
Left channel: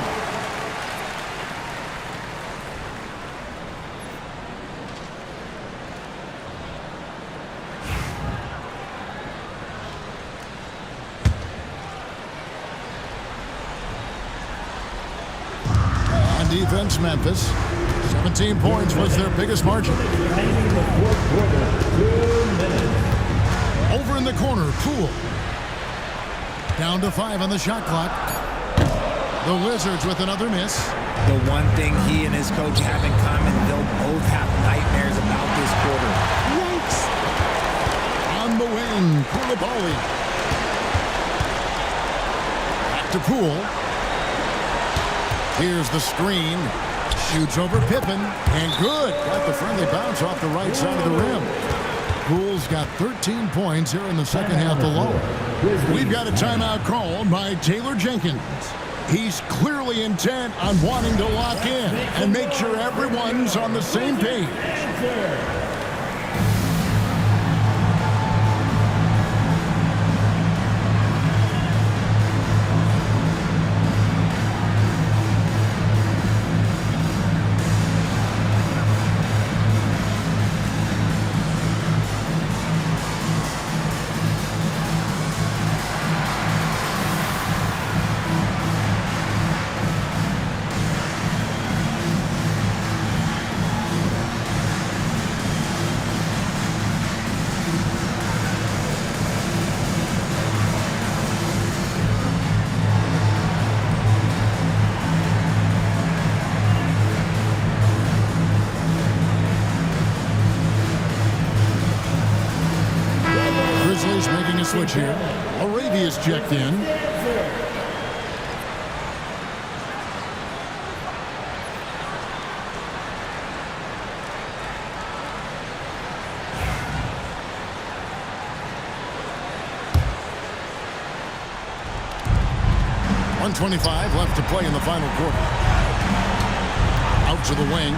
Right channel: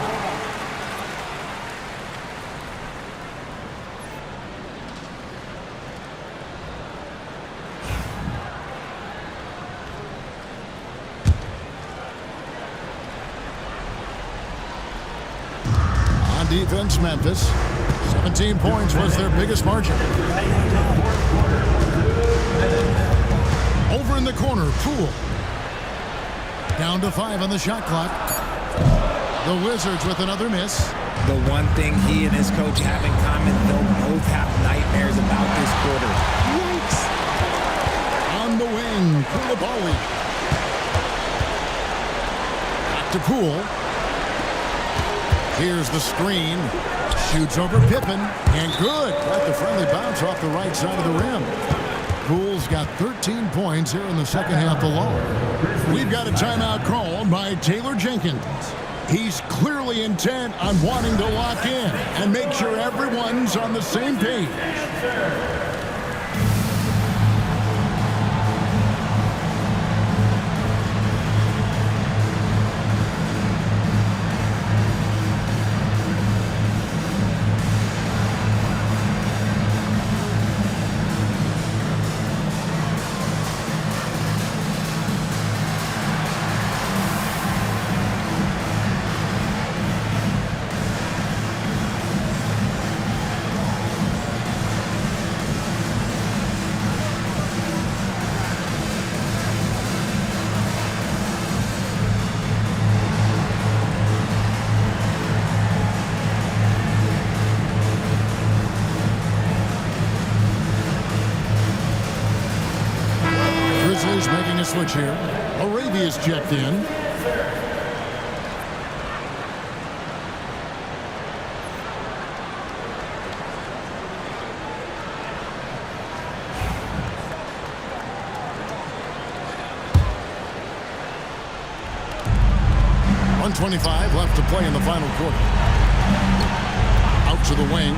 On defense, Memphis. 17 points was their biggest margin. Over in the corner, Poole. Down to 5 on the shot clock. The Wizards with another miss. The one thing he and his coach have in common, they'll both have nightmares about this quarter. Yikes. On the wing, Koulibaly. Back to Poole. Here's the screen. Shoots over Pippen. And good. Got the friendly bounce off the right side of the rim. Poole's got 13 points here in the second half alone. We've got a timeout called by Taylor Jenkins. He's clearly intent on wanting to lock in and make sure everyone's on the same page. Grizzlies making a switch here. Arabia's checked in. .125 left to play in the final quarter. Out to the wing.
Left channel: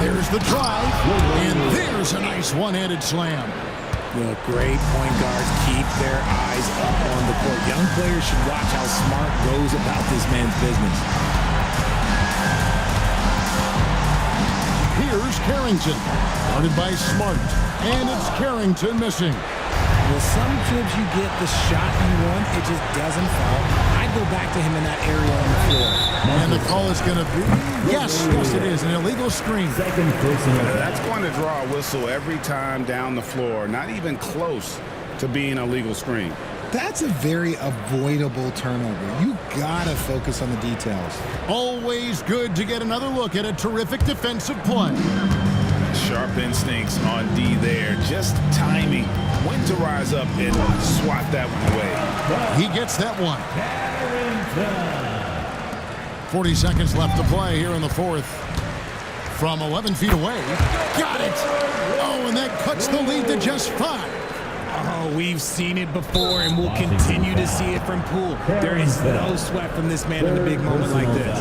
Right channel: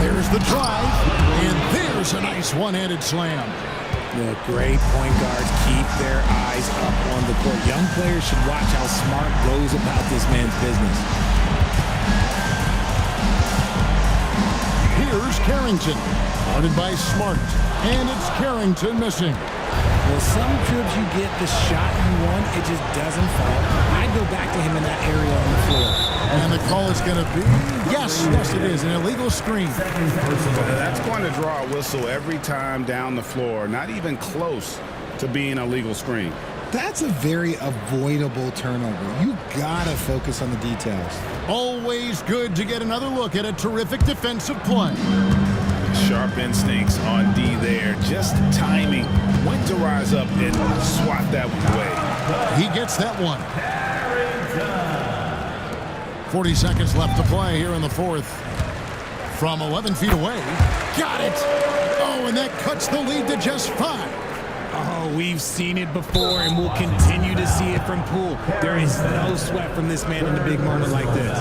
There's the drive. And there's a nice one-handed slam. Well, great point guards keep their eyes up on the court. Young players should watch how Smart goes about this man's business. Here's Carrington, guarded by Smart, and it's Carrington missing. Well, some trips you get the shot you want, it just doesn't fall. I'd go back to him in that area on the floor. And the call is going to be, yes, it is, an illegal screen. That's going to draw a whistle every time down the floor, not even close to being a legal screen. That's a very avoidable turnover. You gotta focus on the details. Always good to get another look at a terrific defensive play. Sharp instincts on D there, just timing when to rise up and swat that one away. He gets that one. 40 seconds left to play here in the fourth. From 11 feet away. Got it. Oh, and that cuts the lead to just 5. Oh, we've seen it before, and we'll continue to see it from Poole. There is no sweat from this man in a big moment like this.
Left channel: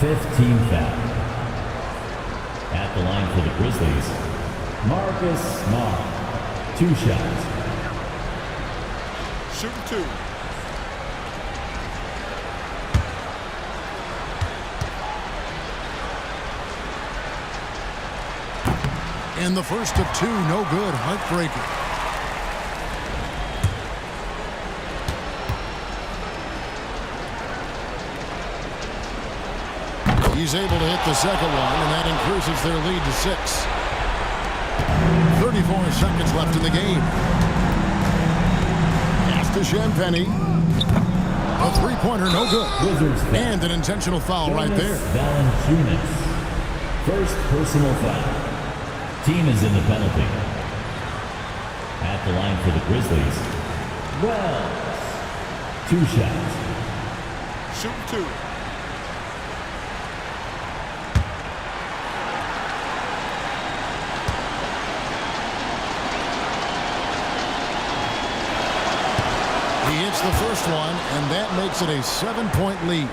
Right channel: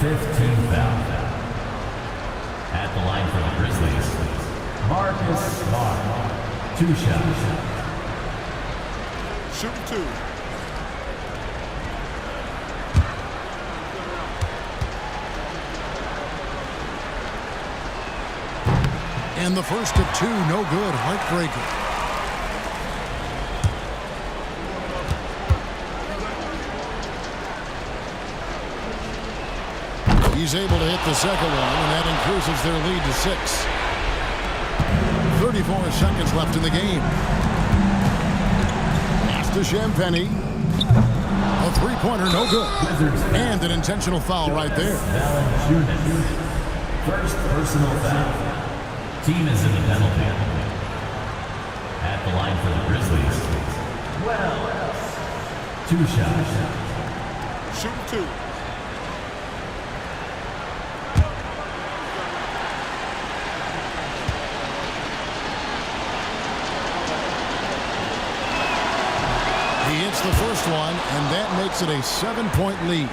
15th foul. At the line for the Grizzlies, Marcus Smart. 2 shots. Shooting 2. And the first of 2, no good. Heartbreaker. He's able to hit the second one, and that increases their lead to 6. 34 seconds left in the game. Pass to Champagny. A three-pointer, no good. And an intentional foul right there. Valanciunas. First personal foul. Team is in the penalty. At the line for the Grizzlies, Wells. 2 shots. Shooting 2. He hits the first one, and that makes it a 7-point lead.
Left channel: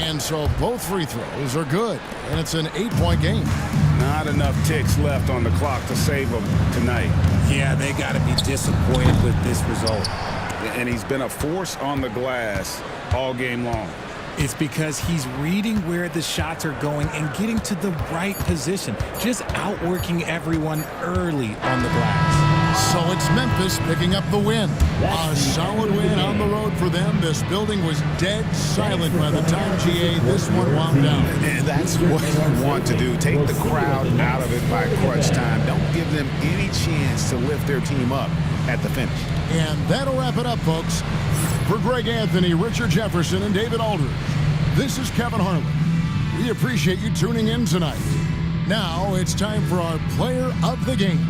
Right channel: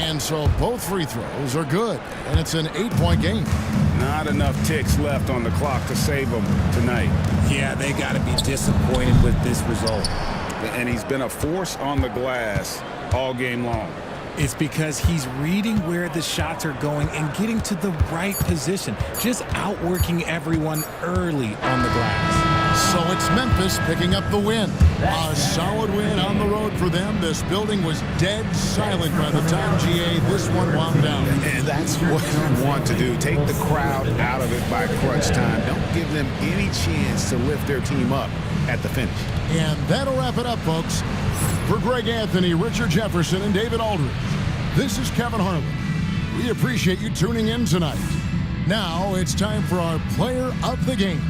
And so both free throws are good, and it's an 8-point game. Not enough ticks left on the clock to save them tonight. Yeah, they got to be disappointed with this result. And he's been a force on the glass all game long. It's because he's reading where the shots are going and getting to the right position, just outworking everyone early on the glass. So it's Memphis picking up the win. A solid win on the road for them. This building was dead silent by the time, GA, this one wound down. And that's what you want to do. Take the crowd out of it by crunch time. Don't give them any chance to lift their team up at the finish. And that'll wrap it up, folks. For Greg Anthony, Richard Jefferson, and David Aldridge, this is Kevin Harlan. We appreciate you tuning in tonight. Now it's time for our player of the game.